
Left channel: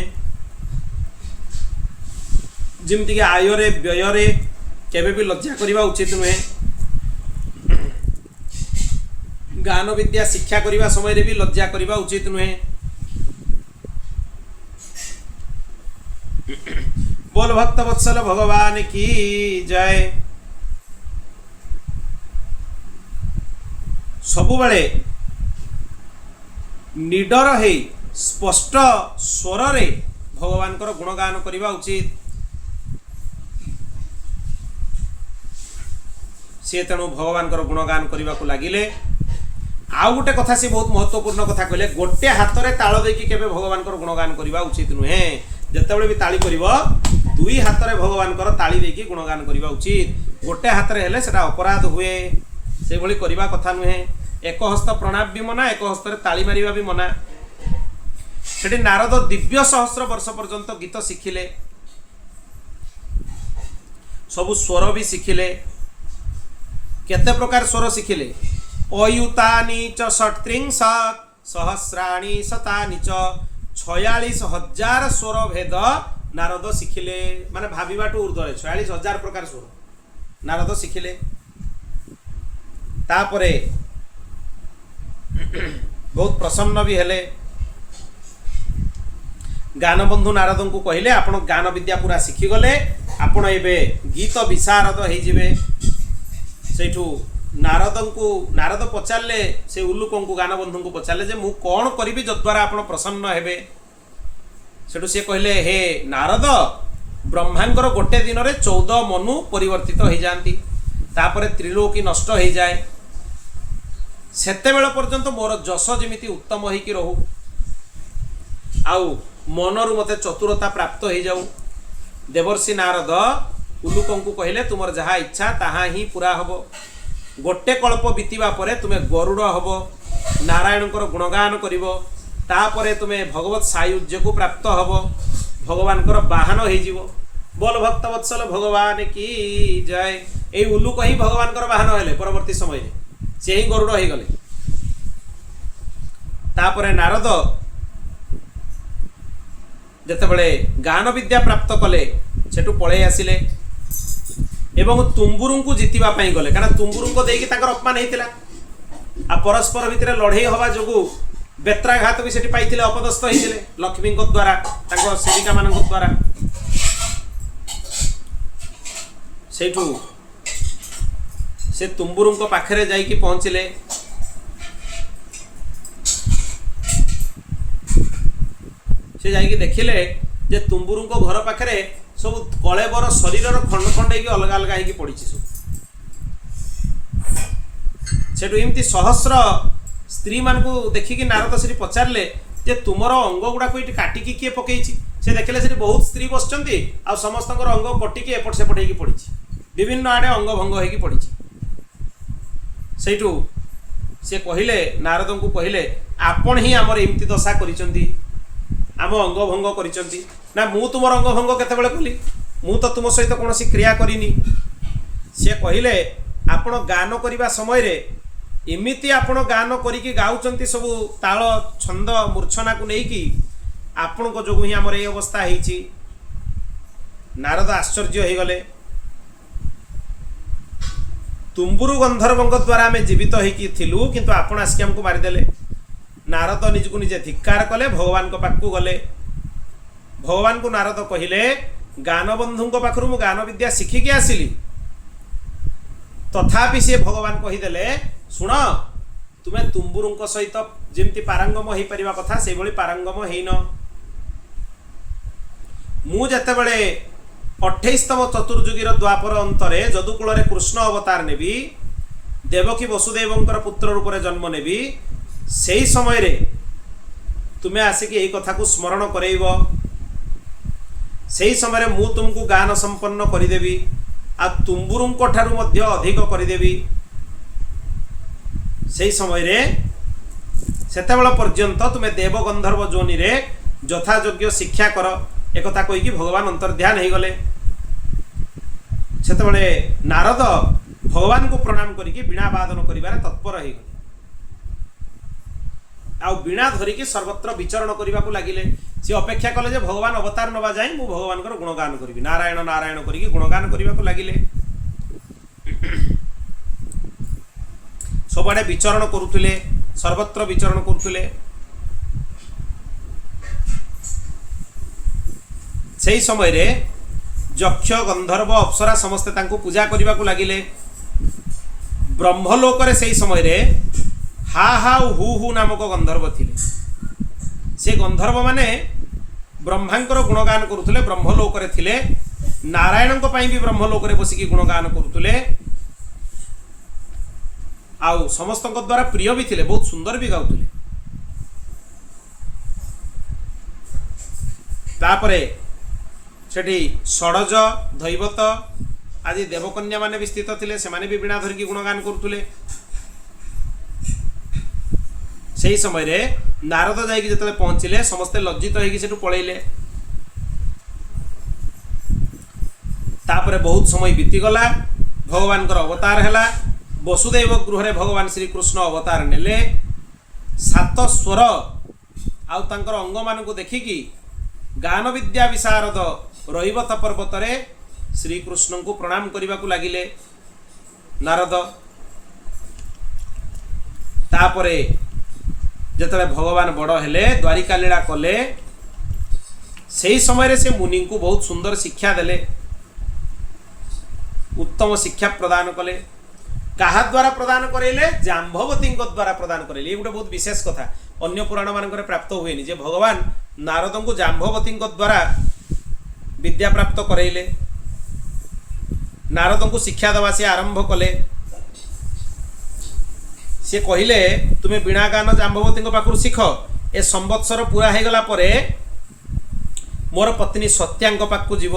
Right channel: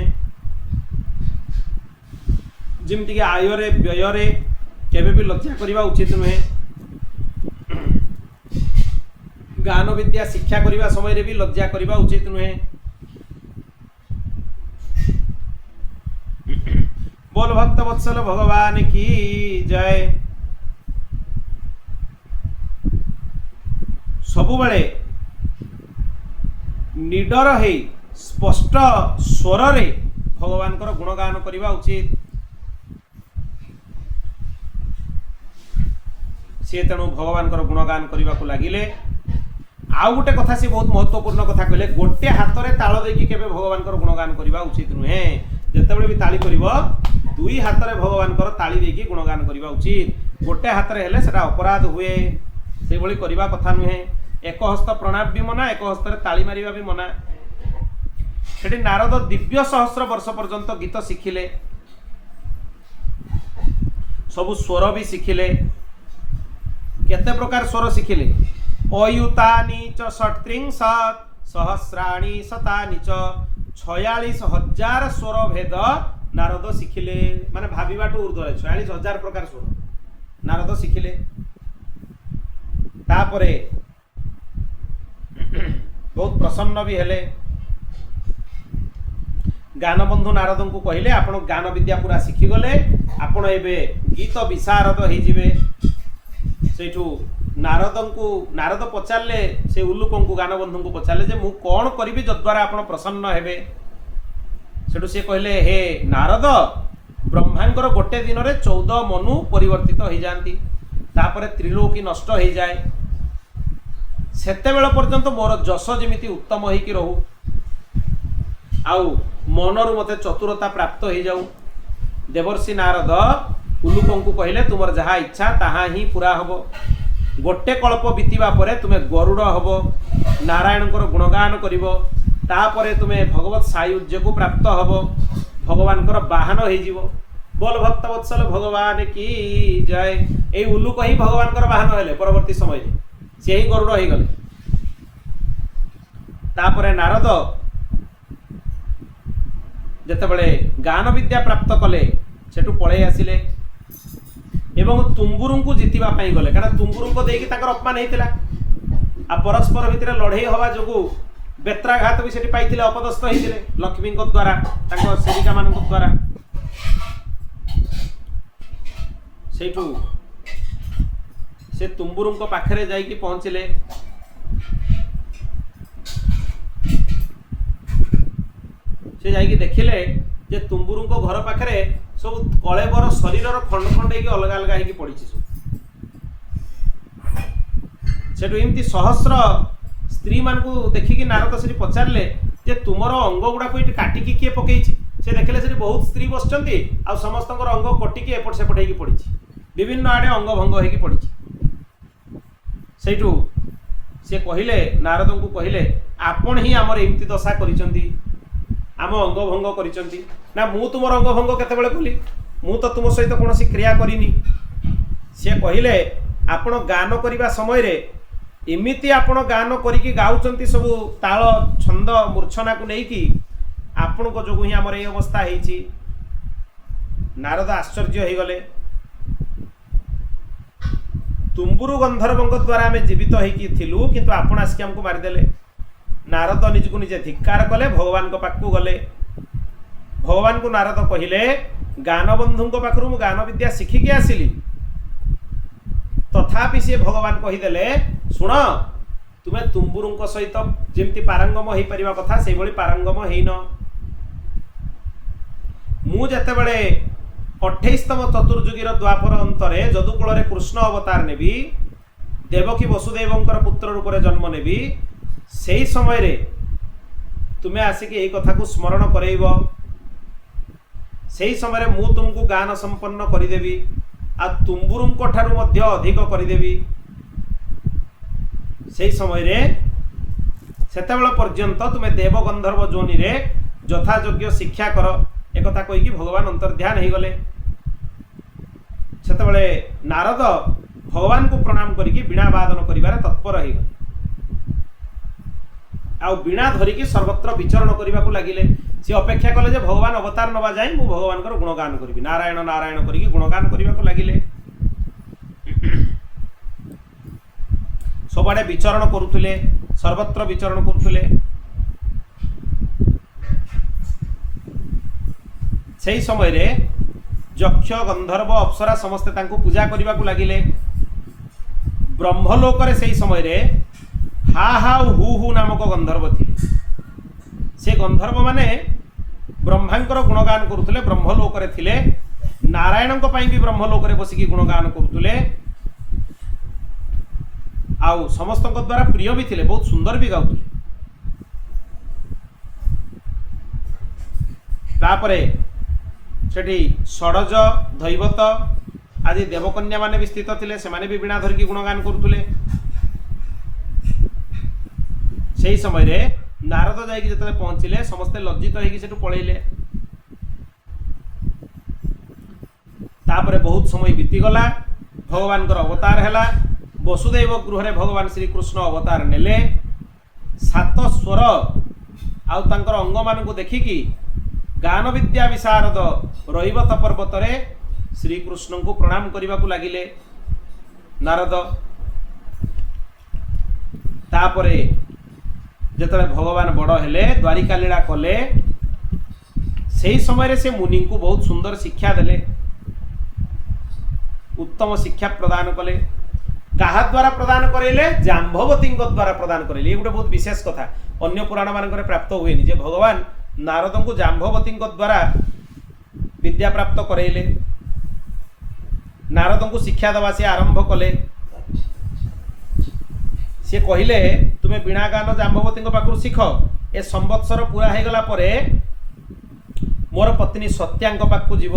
जिमति के आयरे व्ययरे केबे भी लज्जा करिबा उचित नुहे। गान विद्या शिक्षा करिबा समय रे भी लज्जा करिबा उचित नुहे। बोल भक्त वत्सल भगवान की जय। सबुबले निडर है स्पष्ट स्वर रे भगवान कर गुणगान करिबा उचित। से तेणु भगवान कर गुणगान करने को लगिले। आउ गोटे कथा से बहुत महत्वपूर्ण कथा कहले गोटे हाथ में ताल देकी केबे भगवान कर गुणगान करने उचित नुहे जितेबाला भी ताली कर दुई हाथ में भगवान कर ताली देकी गुणगान करने उचित। गोटे हाथ में हेले सेटा अपराध हुए से भली करबा कथा नुहे। एक हस्त प्रणाम भी मना एक हस्त ताली मारिबा भी मना। सेठी नारद दिव्य सहस्र वर्ष पर्यंत गीत शिखिले सबु स्वर भी शिखिले केते प्रकार स्वर शिखिले अयुतानि च षट्त्रिंशत् सहस्राणि शतानि च 46,000 स्वर भेद नारद शिखिले माने भाविबाटू ऊर्ध्वरे 46,000 प्रकार स्वर नारद शिखिले। तापरे बहुत प्रसन्न भी हेले। गानबंधु नारद को कहले आपण गान विद्या पूरा शिखी गले आपण एबे गीत विशारद हो जिवे। सेठू नारद पचारे से उल्लुक को गानबंधु को पचारे जे मु कौन करी जद्वारा आपण प्रसन्न हेबे। सेठू से कहले हे नारद ब्रह्मांकर गोटे दिन रे 14 मनु परिवर्तित हो जाती तापरे त्रिलोकी नष्ट हो जाए सेते बेल पर्यंत मोर जश जेमिति उत्तम होइकी रहू आउ मनरु मते चतुरता प्राप्त हो जाऊ। देवर्षि नारद उल्लुक को कहले तुमर जहा इच्छा ताहा ही पूरा हबो। गोटे कल्प बीतीबा परे तुमे गरुड़ हबो नारायणकर गुणगान करिवो तापरे तुमे भगवत सायुज्य को प्राप्त हबो भगवानकर बाहन हो जिवो। बोल भक्त वत्सल भगवान की जय। ए उल्लुक ही भगवानकर बाहन हेले परवर्ती समय रे ସେ ହିଁ ଗରୁଡ଼ ହେଇଗଲେ। ତାପରେ ନାରଦ ଯେତେବେଳେ ଗାନ ବିଦ୍ୟା ପ୍ରାପ୍ତ କଲେ ସେଠୁ ପଳେଇ ଆସିଲେ ଏବଂ ତୁମ୍ବୁରୁଙ୍କୁ ଜିତିବା ପାଇଁ ଗଲେ, କାରଣ ତୁମ୍ବୁରୁଙ୍କୁ ଦେଇକି ତାଙ୍କର ଅପମାନ ହେଇଥିଲା। ଆଉ ପରସ୍ପର ଭିତରେ ଲଢ଼େଇ ହେବା ଯୋଗୁଁ ବେତ୍ରାଘାତ ବି ସେଠି ପାଇଥିଲେ, ଅପଦସ୍ଥ ହେଇଥିଲେ ଲକ୍ଷ୍ମୀଙ୍କ ଦ୍ୱାରା, ତାଙ୍କ ସେବିକାମାନଙ୍କ ଦ୍ୱାରା। ସେଇଠୁ ସେ ତୁମ୍ବୁରୁଙ୍କ ପାଖରେ ଯାଇକି ପହଞ୍ଚିଲେ। ସେ ଯାଇକି ଦେଖିଲେ ଯେ ତୁମ୍ବୁରୁଙ୍କ ଘର ପାଖରେ ସବୁ କଳେବର ଶରୀରର ଖଣ୍ଡ ଖଣ୍ଡ ହେଇକି ଅଲଗା ଅଲଗା ହେଇକି ପଡ଼ିଛି ସବୁ। ସେଠୁ ଏମିତି ସହସ୍ର ସ୍ତ୍ରୀମାନଙ୍କୁ ଦେଖିକି ନାରଦ ସେଠି ପଚାରିଲେ ଯେ ତୁମର ଅଙ୍ଗ ଗୁଡ଼ାକୁ ଏଠି କାଟିକି କିଏ ପକେଇଛି? ସେ ଦେଖିଲେ ସେଠି ବହୁତ ସ୍ତ୍ରୀ ବସିଛନ୍ତି, ଆଉ ସମସ୍ତଙ୍କର ଅଙ୍ଗ କଟିକି ଏପଟ ସେପଟ ହେଇକି ପଡ଼ିଛି, ବିଭିନ୍ନ ଆଡ଼େ ଅଙ୍ଗ ଭଙ୍ଗ ହେଇକି ପଡ଼ିଛି। ସେଇଠୁ ସେ କହିଲେ, ନାରଦଙ୍କୁ କହିଲେ, ଆପଣ ହିଁ ଆମର ଏମିତି ଦଶା କରିଛନ୍ତି, ଆମ ଅଙ୍ଗ ଭଙ୍ଗ କରିଛନ୍ତି। ନା, ମୁଁ ତୁମର ଅଙ୍ଗ ଭଙ୍ଗ କେତେବେଳେ କଲି? ମୁଁ ତ ତୁମ ସହିତ କୌଣସି କ୍ରିୟା କରିନି। ସେ କହିଲେ, ଆପଣ ଗାନ କରିବା ସମୟରେ ଏମିତି ଆପଣ ଗାନ କରିକି ଗାଉଛନ୍ତି ସବୁ ତାଳ ଛନ୍ଦ ମୂର୍ଚ୍ଛନାକୁ ନେଇକି, ଆପଣଙ୍କ ଯୋଗୁଁ ହିଁ ଆମର ଏଇ ଅବସ୍ଥା ହେଇଛି। ନାରଦ ଆଶ୍ଚର୍ଯ୍ୟ ହେଇଗଲେ। ତୁମ୍ବୁରୁ ଗନ୍ଧର୍ବଙ୍କ ଦ୍ୱାରା ଆମେ ଜୀବିତ ହେଇକି ଥିଲୁ, କିନ୍ତୁ ଆପଣ ଆସିକି ଆମକୁ ମାରିଦେଲେ। ନାରଦ ନିଜକୁ ନିଜେ ଧିକ୍କାର କଲେ, ଭଗବାନଙ୍କ ପାଖକୁ ଗଲେ। ଭଗବାନଙ୍କୁ ନାରଦ କହିଲେ, ଗାନବନ୍ଧୁଙ୍କ ପାଖରୁ ମୁଁ ଗାନ ବିଦ୍ୟା ଶିଖିକି ଆସିଲି, ତଥାପି ସେ ଭଗବାନ କହିଦେଲେ, ଶୁଣ, ତୁମେ ତୁମ୍ବୁରୁଙ୍କ ସହିତ ଯେମିତି ପାରଙ୍ଗମ ହେଇପାରିବା କଥା ସେଇଭଳି ପାରଙ୍ଗମ ହେଇନ। ମୁଁ ଯେତେବେଳେ 28ତମ ଚତୁର୍ଯୁଗୀର ଦ୍ୱାପର ଅନ୍ତରେ ଯଦୁକୂଳରେ କୃଷ୍ଣ ଅବତାର ନେବି, ଦେବକୀ ବସୁଦେବଙ୍କର ପୁତ୍ର ରୂପରେ ଜନ୍ମ ନେବି, ସେହି ସମୟରେ ତୁମେ ଆସିକି ଏହି କଥାକୁ ସ୍ମରଣ କରେଇବ। ସେହି ସମୟରେ ମୁଁ ତୁମକୁ ଗାନ ସମ୍ପନ୍ନ କରିଦେବି, ଆଉ ତୁମ୍ବୁରୁଙ୍କ ଠାରୁ ମଧ୍ୟ ଅଧିକ କରିଦେବି। ସେହି ସମୟରେ ସେତେବେଳେ ପର୍ଯ୍ୟନ୍ତ ତୁମେ ଦେବ ଗନ୍ଧର୍ବ ଯୋନିରେ ଯଥାଯୋଗ୍ୟ ଶିକ୍ଷା କର। एकथा कहीकि भगवान अंतर्ध्यान हो गले। सेतेबेले नारद भगवान को प्रणाम करिकि वीणा वादन करिवार तत्पर हो गले। आ वीणा धरिकी सर्वत्र विचरण करने को लगिले। सी अपेक्षा कले जे भगवान अवतार नवा जाए मु भगवान गुणगान करी नारायण नारायण करिकि गुणगान करने को लगिले। सबआडे विचरण करुले, सर्वत्र विचरण करुले। सेही समय रे यक्ष गंधर्व अप्सरा समस्ते तांको पूजा करने को लगिले। ब्रह्मलोक रे सेही समय रे हा हा हु हु नामक गंधर्व थिले। से गंधर्व माने ब्रह्मांकर गुणगान करुले। ब्रह्मलोक रे थिले। नारायण भी ब्रह्मलोक रे बसिकी गुणगान करुले। आउ समस्त द्वारा प्रिय भी थिले, बहुत सुंदर भी गाउले। तापरे सेठी षडज दैवत आदि देवकन्या माने भी स्थित थिले। से माने भी वीणा धरिकी गुणगान करुले। से समय रे नारद जाइए जो पहुँचले समस्ते लज्जित होगी सेठू पलैले। तापरे बहुत समय बीतीगला। भगवान अवतार है। वसुदेव गृह रे भगवान श्री कृष्ण अवतार नेले। 7 स्वर आउ तांकर अंग मान को देखिकी गान विद्या विशारद रईवत पर्वत रे श्री कृष्ण को प्रणाम करने को लगिले नारद। तापरे जेतले भगवान बड़ हेले द्वारिका लीला कले सही समय रे से मुनि को बहुत सुंदर शिक्षा देले, उत्तम शिक्षा प्रदान कले। कहा द्वारा प्रदान करेले? जाम्बवती द्वारा प्रदान करेले। ये गोटे बहुत विशेष कथा, अन्य पुराण मानक प्राप्त हुए जे भगवान नारद को जाम्बवती द्वारा विद्या प्राप्त करेले। नारद को शिक्षा दवा से आरंभ कले। से कहले तुम्हें वीणा गान जाम्बवती पाखु शिख। ए संवत्सर पूरा हो गला परे मोर पत्नी सत्यांग पाखु जीव।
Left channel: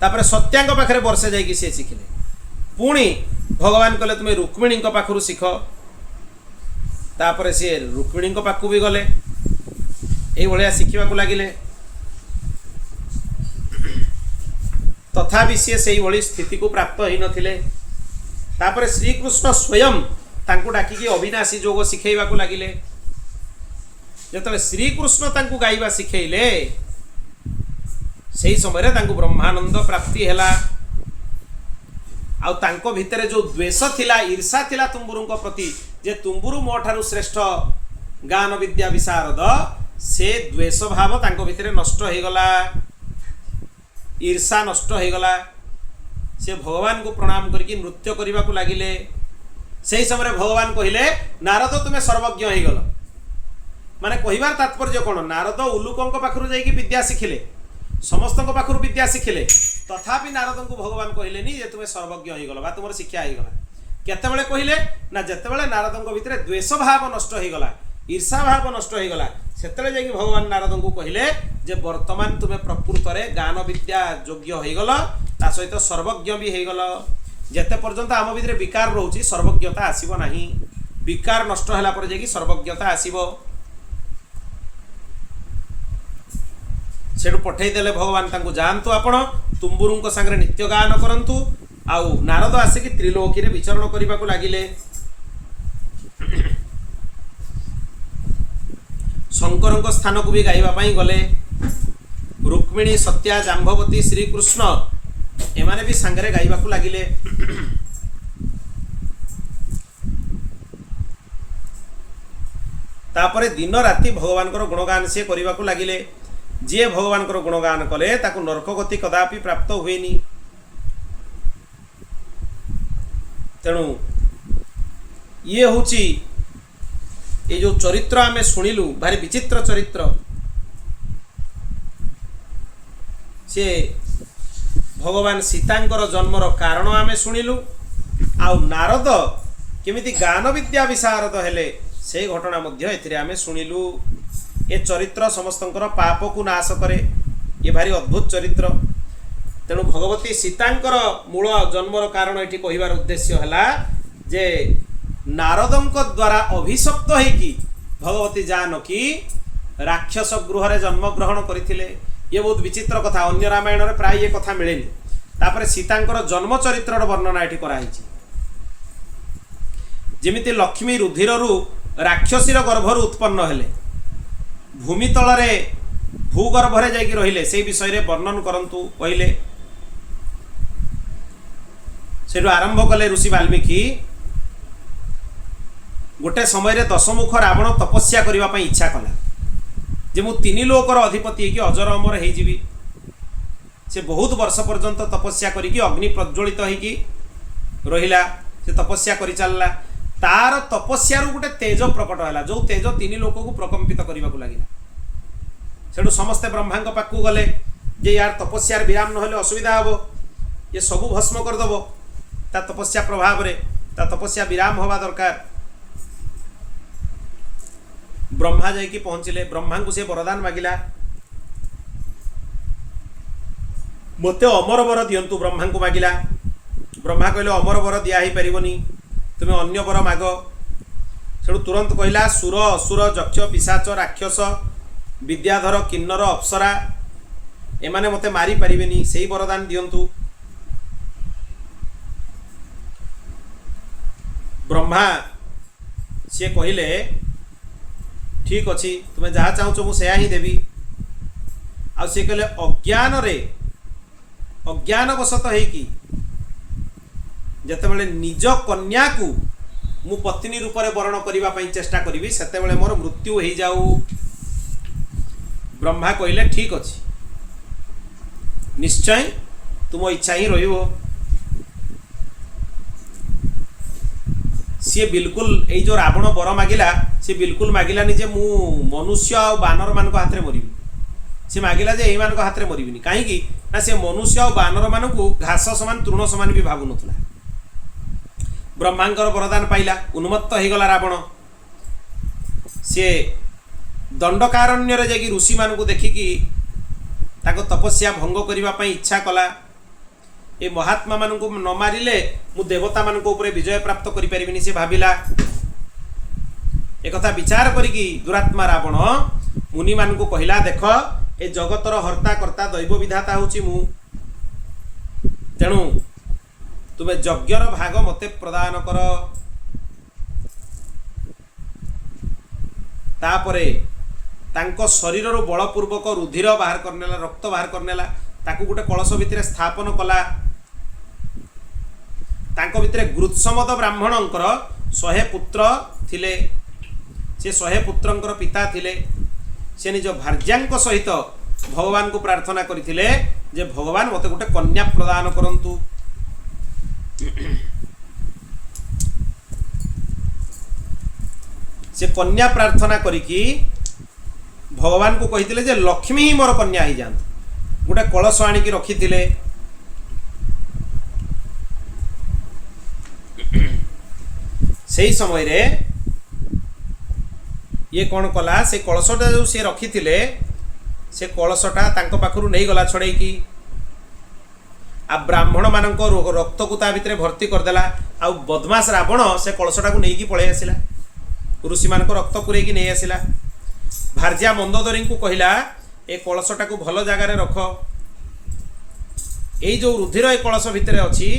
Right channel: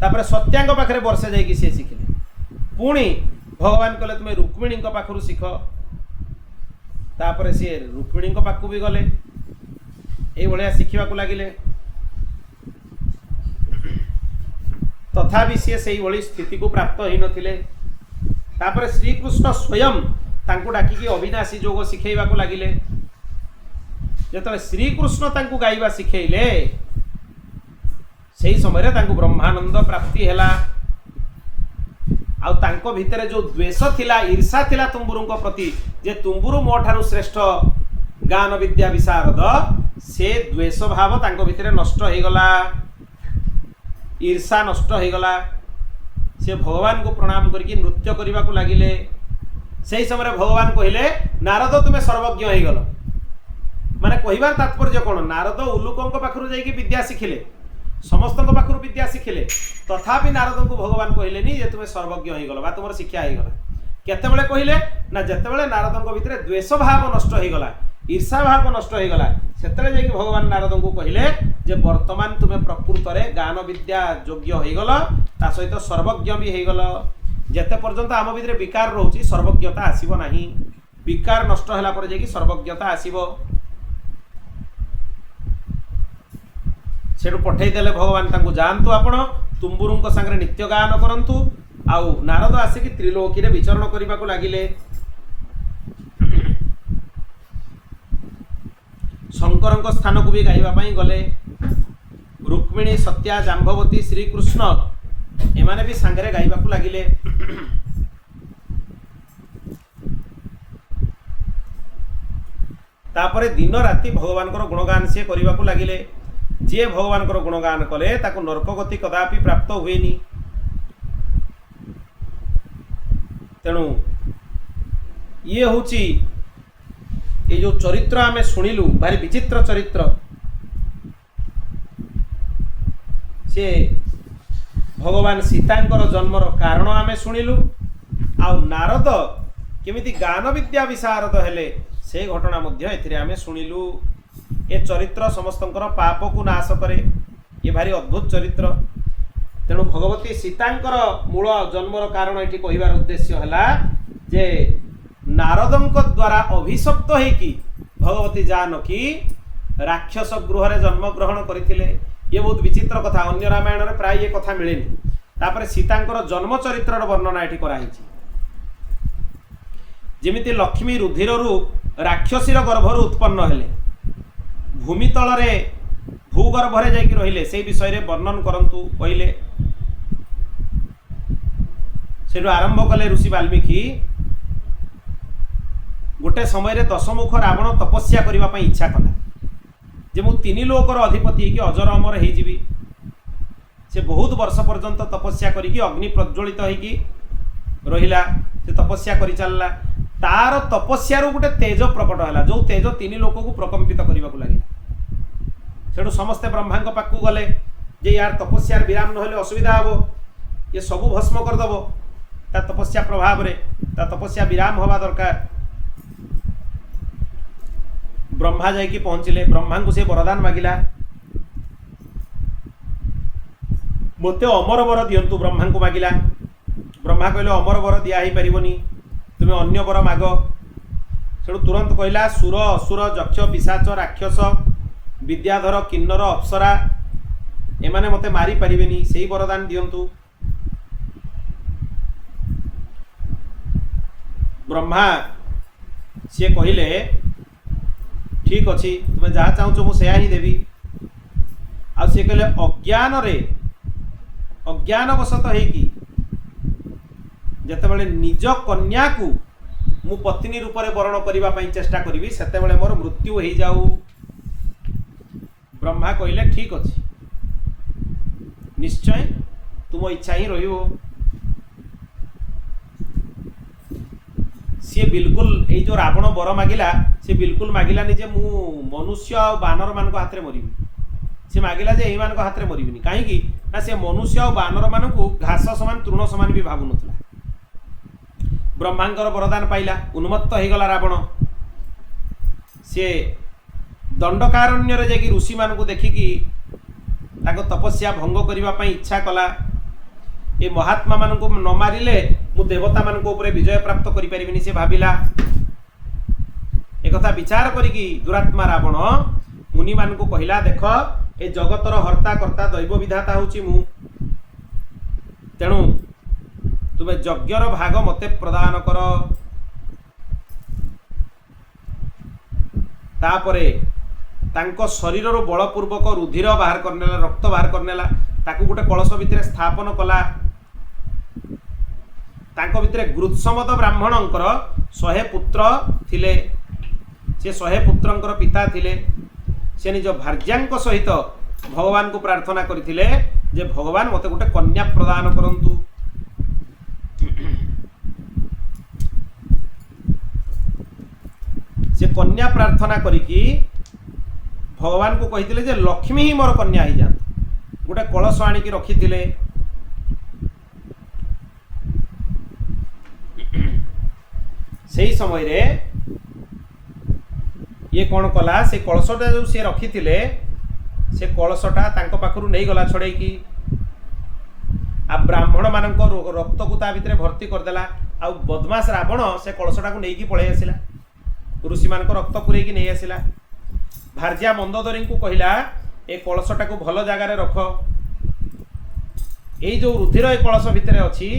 तापर सत्यांग पाखरे वर्षे जाइए सी शिखिले। पुणी भगवान कहले तुम्हें रुक्मिणी पाखु शिख। तापर सी रुक्मिणी पाखु भी गले। ये शिखा लगिले। तथापि सी से स्थिति को प्राप्त हो नथिले। तापर श्रीकृष्ण स्वयं तांको डाकिकी अविनाशी जोग शिखेइबाकू लागिले। जेतबे श्रीकृष्ण तांको गाइबा शिखेइले सेही समय तांको ब्रह्मानंद प्राप्ति हैला। आउ तांको भितरे जो द्वेष थिला, ईर्षा थिला तुम्बुरुंको प्रति, जे तुम्बुरु मो ठारू श्रेष्ठ गान विद्या विशारद, से द्वेष भाव तांको भितरे नष्ट हो गला, ईर्षा नष्ट हो गला। से भगवान को प्रणाम करके नृत्य करने को लगिले। से समय भगवान कहले नारद तुम्हें सर्वज्ञ हो गल। माने कहिबार तात्पर्य कौन, नारद उल्लुकों पाखरु जाइए विद्या शिखिले, समस्त पाखरु विद्या शिखिले, तथापि नारद को भगवान कहलेनी जे तुम्हें सर्वज्ञ हो गल बा तुम शिक्षा हो गला। केतेबेले कहले ना जेतेबेले नारद भितर द्वेष भाव नष्ट हो गला, ईर्षा भाव नष्ट हो गला, सेतेबेले जाइए भगवान नारद को कहले जे वर्तमान तुम्हें प्रकृत में गान विद्या योग्य हो गल, ता सहित सर्वज्ञ भी हो गल। जेते पर्यंत आम भितर विकार रोची सर्वज्ञता आसीबो नाही, विकार नष्ट होला पर जाइए सर्वज्ञता आसीबो। सेठू पठेई देले भगवान तांको जानतु आपण तुम्बुरुंको संगे नित्य गान करंतु। आउ नारद आसिकी त्रिलोकी रे विचरण करने को लगिले। शंकर स्थान को भी गाइबा गले। रुक्मिणी, सत्या, जाम्बवती, श्रीकृष्ण एमाने भी सांगरे गाइबा को लगिले। तापरे दिन राति भगवान गुणगान से करने को लगिले। जे भगवान गुणगान कले ताकू नरक गति कदापि प्राप्त हुएनी। तेणु ये होची ये जो चरित्र आमे शुणिलु भारी विचित्र चरित्र। से भगवान सीतांकर जन्मर कारण आमे शुणिलु। आउ नारद केमिति गान विद्या विशारद हेले से घटना मध्य एथिरे आमे शुणिलु। ये चरित्र समस्तंकर पाप को नाश करे। ये भारी अद्भुत चरित्र। तेणु भगवती सीतांकर मूल जन्मर कारण ये कहिबार उद्देश्य है जे नारदंक द्वारा अभिशप्त होइकी भगवती जानकी राक्षस गृह रे जन्म ग्रहण करथिले। ये बहुत विचित्र कथा, अन्य रामायण रे प्राय ये कथा मिलेनी। तापर सीतांकर जन्म चरित्र वर्णना ये कराई। जेमिति लक्ष्मी रुधिररु राक्षसीर गर्भरु उत्पन्न हेले, भूमि तलरे भूगर्भरे जाइकी रहिले, से विषय रे वर्णन करंतु कहले। सेठु आरंभ कले ऋषि वाल्मीकि। गोटे समय रे दशमुख रावण तपस्या करने पर इच्छा कला जे मु तीन लोकर अधिपति कि अजर अमर हो जीवी। से बहुत वर्ष पर्यंत तपस्या करिकी अग्नि प्रज्वलित होइकी रहिला। से तपस्या करि चलला। तार तपस्यारू गोटे तेज प्रकट होला, जो तेज तीन लोक को प्रकंपित करने को लगिला। सेठु समस्ते ब्रह्मा पाखु गले जे यार तपस्यार विराम नहले असुविधा हबो, ये सबू भस्म करदेव। ता तपस्या प्रभाव रे ता तपस्या विराम हवा दरकार। ब्रह्मा जाइकी पहुँचले। ब्रह्मा को से वरदान मागिला, मते अमर वर दियंतु। ब्रह्मा को मागिला। ब्रह्मा कहले अमर वर दिया ही परिबनी, तुम्हें अन्य वर माग। सेठु तुरंत कहला सुर, असुर, यक्ष, पिशाच, राक्षस, विद्याधर, किन्नर, अप्सरा एमाने मते मारी परिबेनी, सेही वरदान दियंतु। ब्रह्मा सी कहले ठीक अच्छी, तुम्हें जहाँ चाहूच मुझे ही देवी। आ सी कहले अज्ञान रे अज्ञानवशत होइकी जेतेबेले निज कन्या को मु पत्नी रूप में वर्ण करने चेष्टा करी सेतेबेले मोर मृत्यु हो जाऊ। ब्रह्मा कहले ठीक अच्छी, निश्चय तुम इच्छा ही रहिबो। सी बिल्कुल ये जो रावण वर मागिला सी बिल्कुल मागिलानी जे मु मनुष्य और बानर मान हाथ में मरबी। सी मागिला जे यही मान हाथ में मरबिनी, कहीं ना से मनुष्य और बानर मान को घास समान तृण समान भी भावु नथला। ब्रह्मांकर वरदान पाइला, उन्मत्त हो गला रावण। सी दंडकारण्य रे जाकि ऋषि मान को देखिकी ताको तपस्या भंग करने इच्छा कला। ये महात्मा मान को न मारिले मु देवता मान को ऊपर विजय प्राप्त करि परिबिनी से भाविला। एक कथा विचार करिकी दुरात्मा रावण मुनि मान को कहला देख ए जगतर हर्ता कर्ता दैव विधाता होची मु। तेणु तुमे यज्ञर भाग मते प्रदान कर। तापरे तांको शरीर बलपूर्वक रुधिर बाहर करनेला, रक्त बाहर करनेला, ताकू गोटे कलश भितर स्थापन कला। तांको भितर गुरुत्समद ब्राह्मणंकर 100 पुत्र थिले। से 100 पुत्रंकर पिता थिले। से निज भार्यांक सहित भगवान को प्रार्थना करथिले जे भगवान मते गोटे कन्या प्रदान करंतु। से कन्या प्रार्थना करिकी भगवान को कहिथिले जे लक्ष्मी ही मोर कन्या ही जात। गोटे कलश आनिकी रखिथिले। सेही समय रे ये कौन कला, से कलशटा जो सी रखिथिले से कलशटा तांको पाखरु नहीं गला छड़ेकी आ ब्राह्मण मानक रक्त को ता भितर भर्ती करदेला। आ बदमाश रावण से कलशटा को नहीं पलि आसिला, ऋषि मानक रक्त पुरेकी नहीं आसिला। भार्या मंदोदरी को कहला ए कलशटा को भल जगार रख। ये जो रुधिर ए कलश भितर अच्छी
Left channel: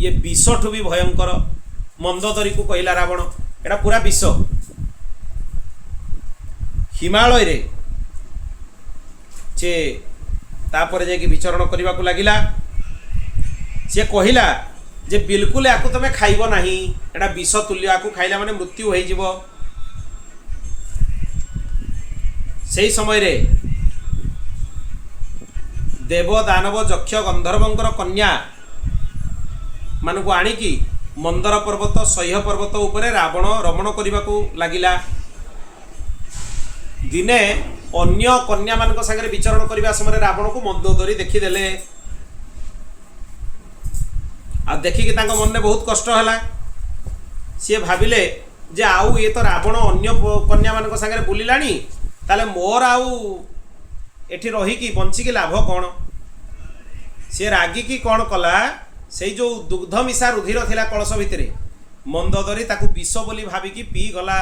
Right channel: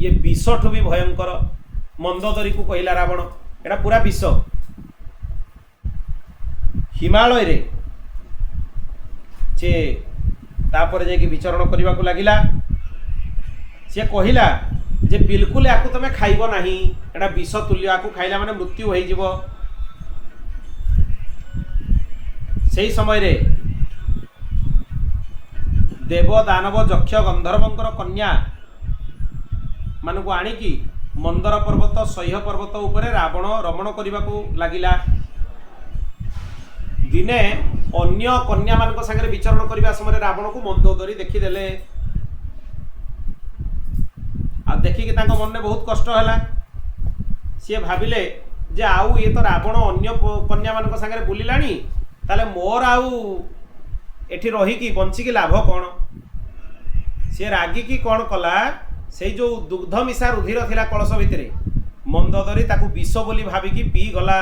ये विषठू भी भयंकर। मंदोदरी को कहला रावण एटा पूरा विष। हिमालय रे से तापर जाकि विचरण करने को लगिला। से कहला जे बिल्कुल याकू तमे खाइब नाही, एटा विष तुल्य, याकू खाइला माने मृत्यु होई जिवो। सेही समय रे देव दानव यक्ष गंधर्वंकर कन्या मानकु आनिकी मंदर पर्वत सह्य पर्वत उपरे रावण रमण करने को लगिला। दिने अन्य कन्या मान संगे विचरण करने समय रावण को मंदोदरी देखीदेले। आ देखिकी तांको मन में बहुत कष्ट है। सी भाविले जे आउ ये तो रावण अन्य कन्या मान संगे बुलिलानी, ताले मोर आउ एठी रहीकी बंचिकी लाभ कौन। सी रागिकी कौन कला, से जो दुग्ध मिशा रुधिर थिला कलश भितरे मंदोदरी ताकू विष बोली भाविकी पी गला।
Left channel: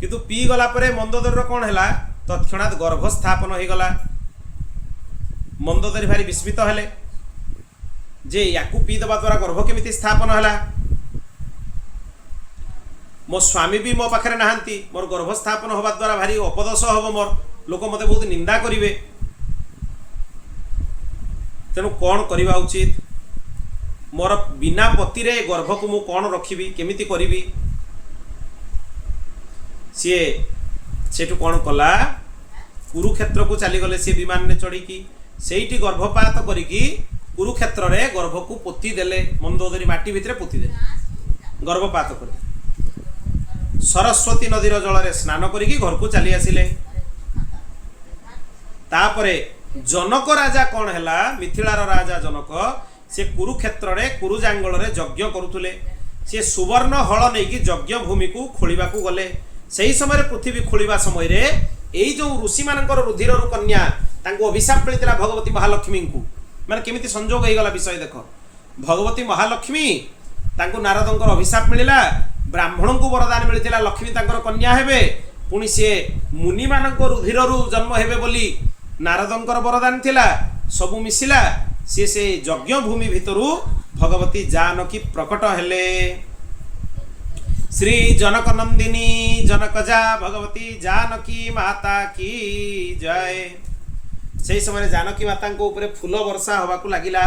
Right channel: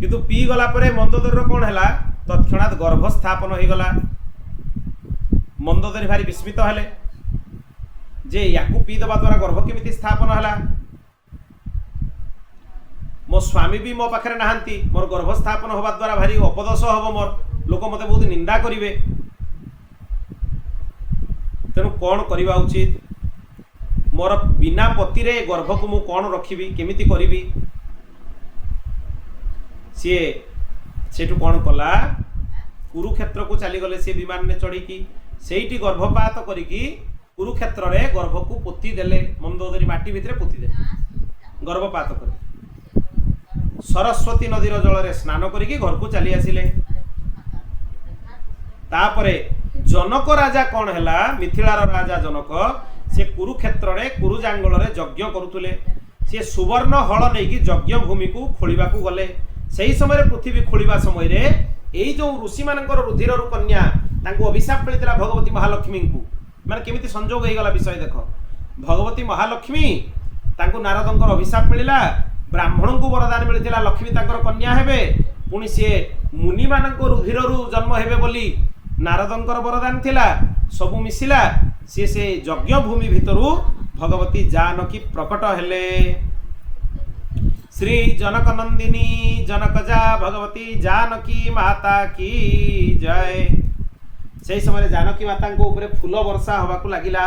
किंतु पी गला परे मंदोदरी कौन है, तत्क्षणात गर्भ स्थापन हो गला। मंदोदरी भारी विस्मित हेले जे याकू पी दबा द्वारा गर्भ केमिति स्थापन है। मो स्वामी भी मो पाखरे नाहांती, मोर गर्भ स्थापन होबा द्वारा भारी अपदोष हब, मोर लोक मते बहुत निंदा करिवे। तेणु कौन करवा उचित, मोर बिना पति रे गर्भ को मु कौन रखिबी, केमिति करिबी। सी सेठू कौन कला, कुरुक्षेत्र को चलीगले। सी विमान ने चढ़ी सेठी गर्भपात करिकी कुरुक्षेत्र रे गर्भ को पोती देले। मंदोदरी माटी भितर पोती देले गर्भपात कर। सरस्वती नदीर जल रे स्नान करिकी घर को चली आसिले। तापरे जनक राजा कौन हैला, मिथिलार राजा जनक, से कुरुक्षेत्र रे कुरुजांगल रे यज्ञ करुथुले। से सुवर्ण हल नहीं यज्ञ भूमि को खोलिबा को गले। सही समय पृथ्वी खोलिबा समय रे एई जो ऋषि मानकर रुधिर रु कन्या तांको अभिशाप मिलता भगवती महालक्ष्मी को। माने केमिति संजोग हो गला विषय देख। भगवती महालक्ष्मी तांको नारदंकर अभिशाप मिलिला, ब्राह्मण को वरदान मिलता लक्ष्मी तांकर कन्या हेबे। पुणी सी मुनि मानक रुधिर रु जन्म हेबे बोली नारदंकर वरदान थिला। सबु मिसिला, सी से यज्ञ भूमि भितरु भगवती जानकी प्रकट हेले। श्री जनक नंदिनी जनकजा भगवती जानकी माता की जय। से समय जानकी माता को ऊपर फूल वर्षा हवा को लगिला।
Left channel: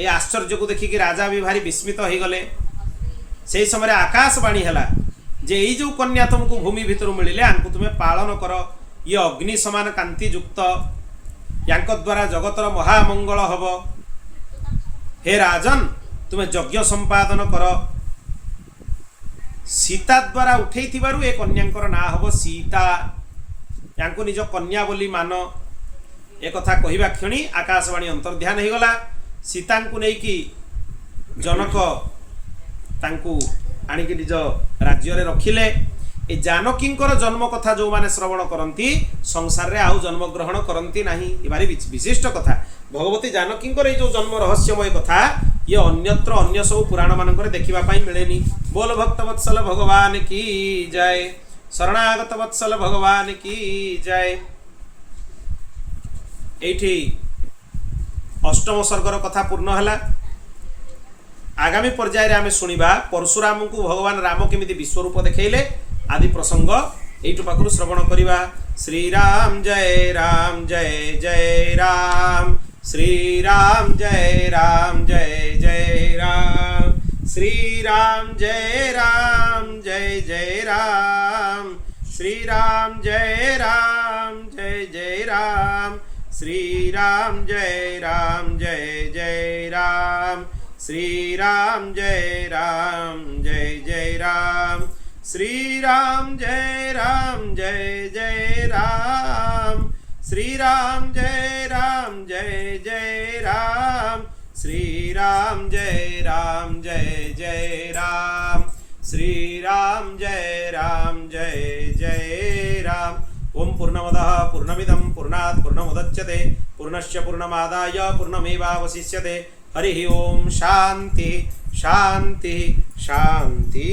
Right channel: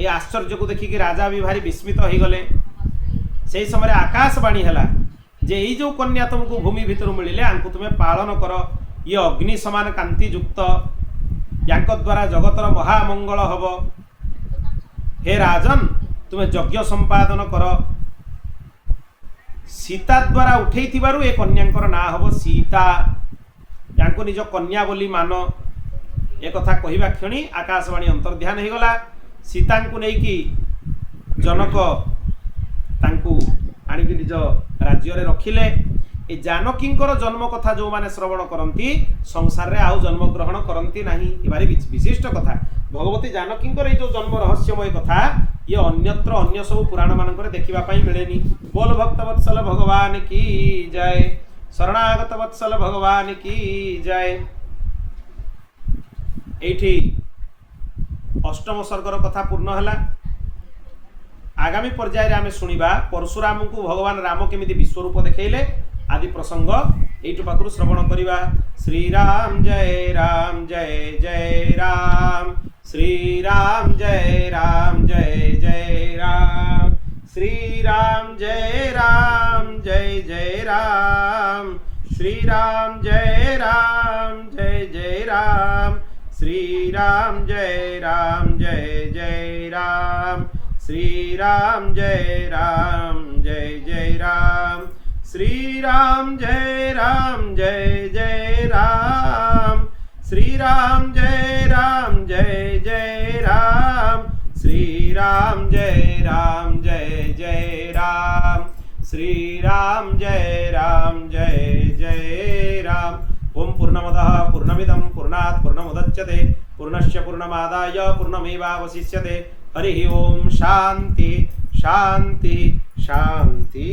ए आश्चर्य को देखिकी राजा भी भारी विस्मित हो गले। से समय आकाशवाणी हैला जे एई जो कन्या तुमको भूमि भितर मिलिले आंको तुम्हें पालन कर। ये अग्नि समान कांति युक्त, यांक द्वारा जगतर महामंगल हब। हे राजन तुम्हें यज्ञ संपादन कर। सीता द्वारा उठे ए कन्यांकर ना हब सीता। यांको निज कन्या बोली मान। एक कथा कहवा क्षणी आकाशवाणी अंतर्ध्यान हो गला। सीता को लेकिन जनक तांकु आनिकी निज राज्य रे रखिले। ए जानकींकर जन्म कथा जो माने श्रवण करती संसार रे आउ जन्म ग्रहण करती नहीं। ये भारी विशिष्ट कथा। भगवती जानकींकर ये जो जन्म रहस्यमय कथा ये अन्यत्र अन्य सब पुराण मानक देखा मिलेनी। बोल भक्त वत्सल भगवान की जय। शरणागत वत्सल भगवान की जय। एठी अष्टम सर्गर कथा पूर्ण है। आगामी पर्याय रे आमे सुनिबा परशुराम को भगवान राम केमिति विश्व रूप देखैले आदि प्रसंग एइटु पाखरु श्रवण करिबा। श्री राम जय राम जय जय राम, श्री राम जय राम जय जय राम, श्री राम जय राम जय जय राम, श्री राम जय राम जय जय राम, श्री राम जय राम जय जय राम, श्री राम जय राम जय जय राम, श्री राम जय राम जय जय राम, श्री राम जय राम जय जय राम, श्री राम जय राम जय जय राम, श्री राम जय राम जय जय राम। ओम पूर्णमदः पूर्णमिदं पूर्णात् पूर्णमुदच्यते पूर्णस्य पूर्णमादाय पूर्णमेवावशिष्यते। हरि ओम शांति शांति शांति।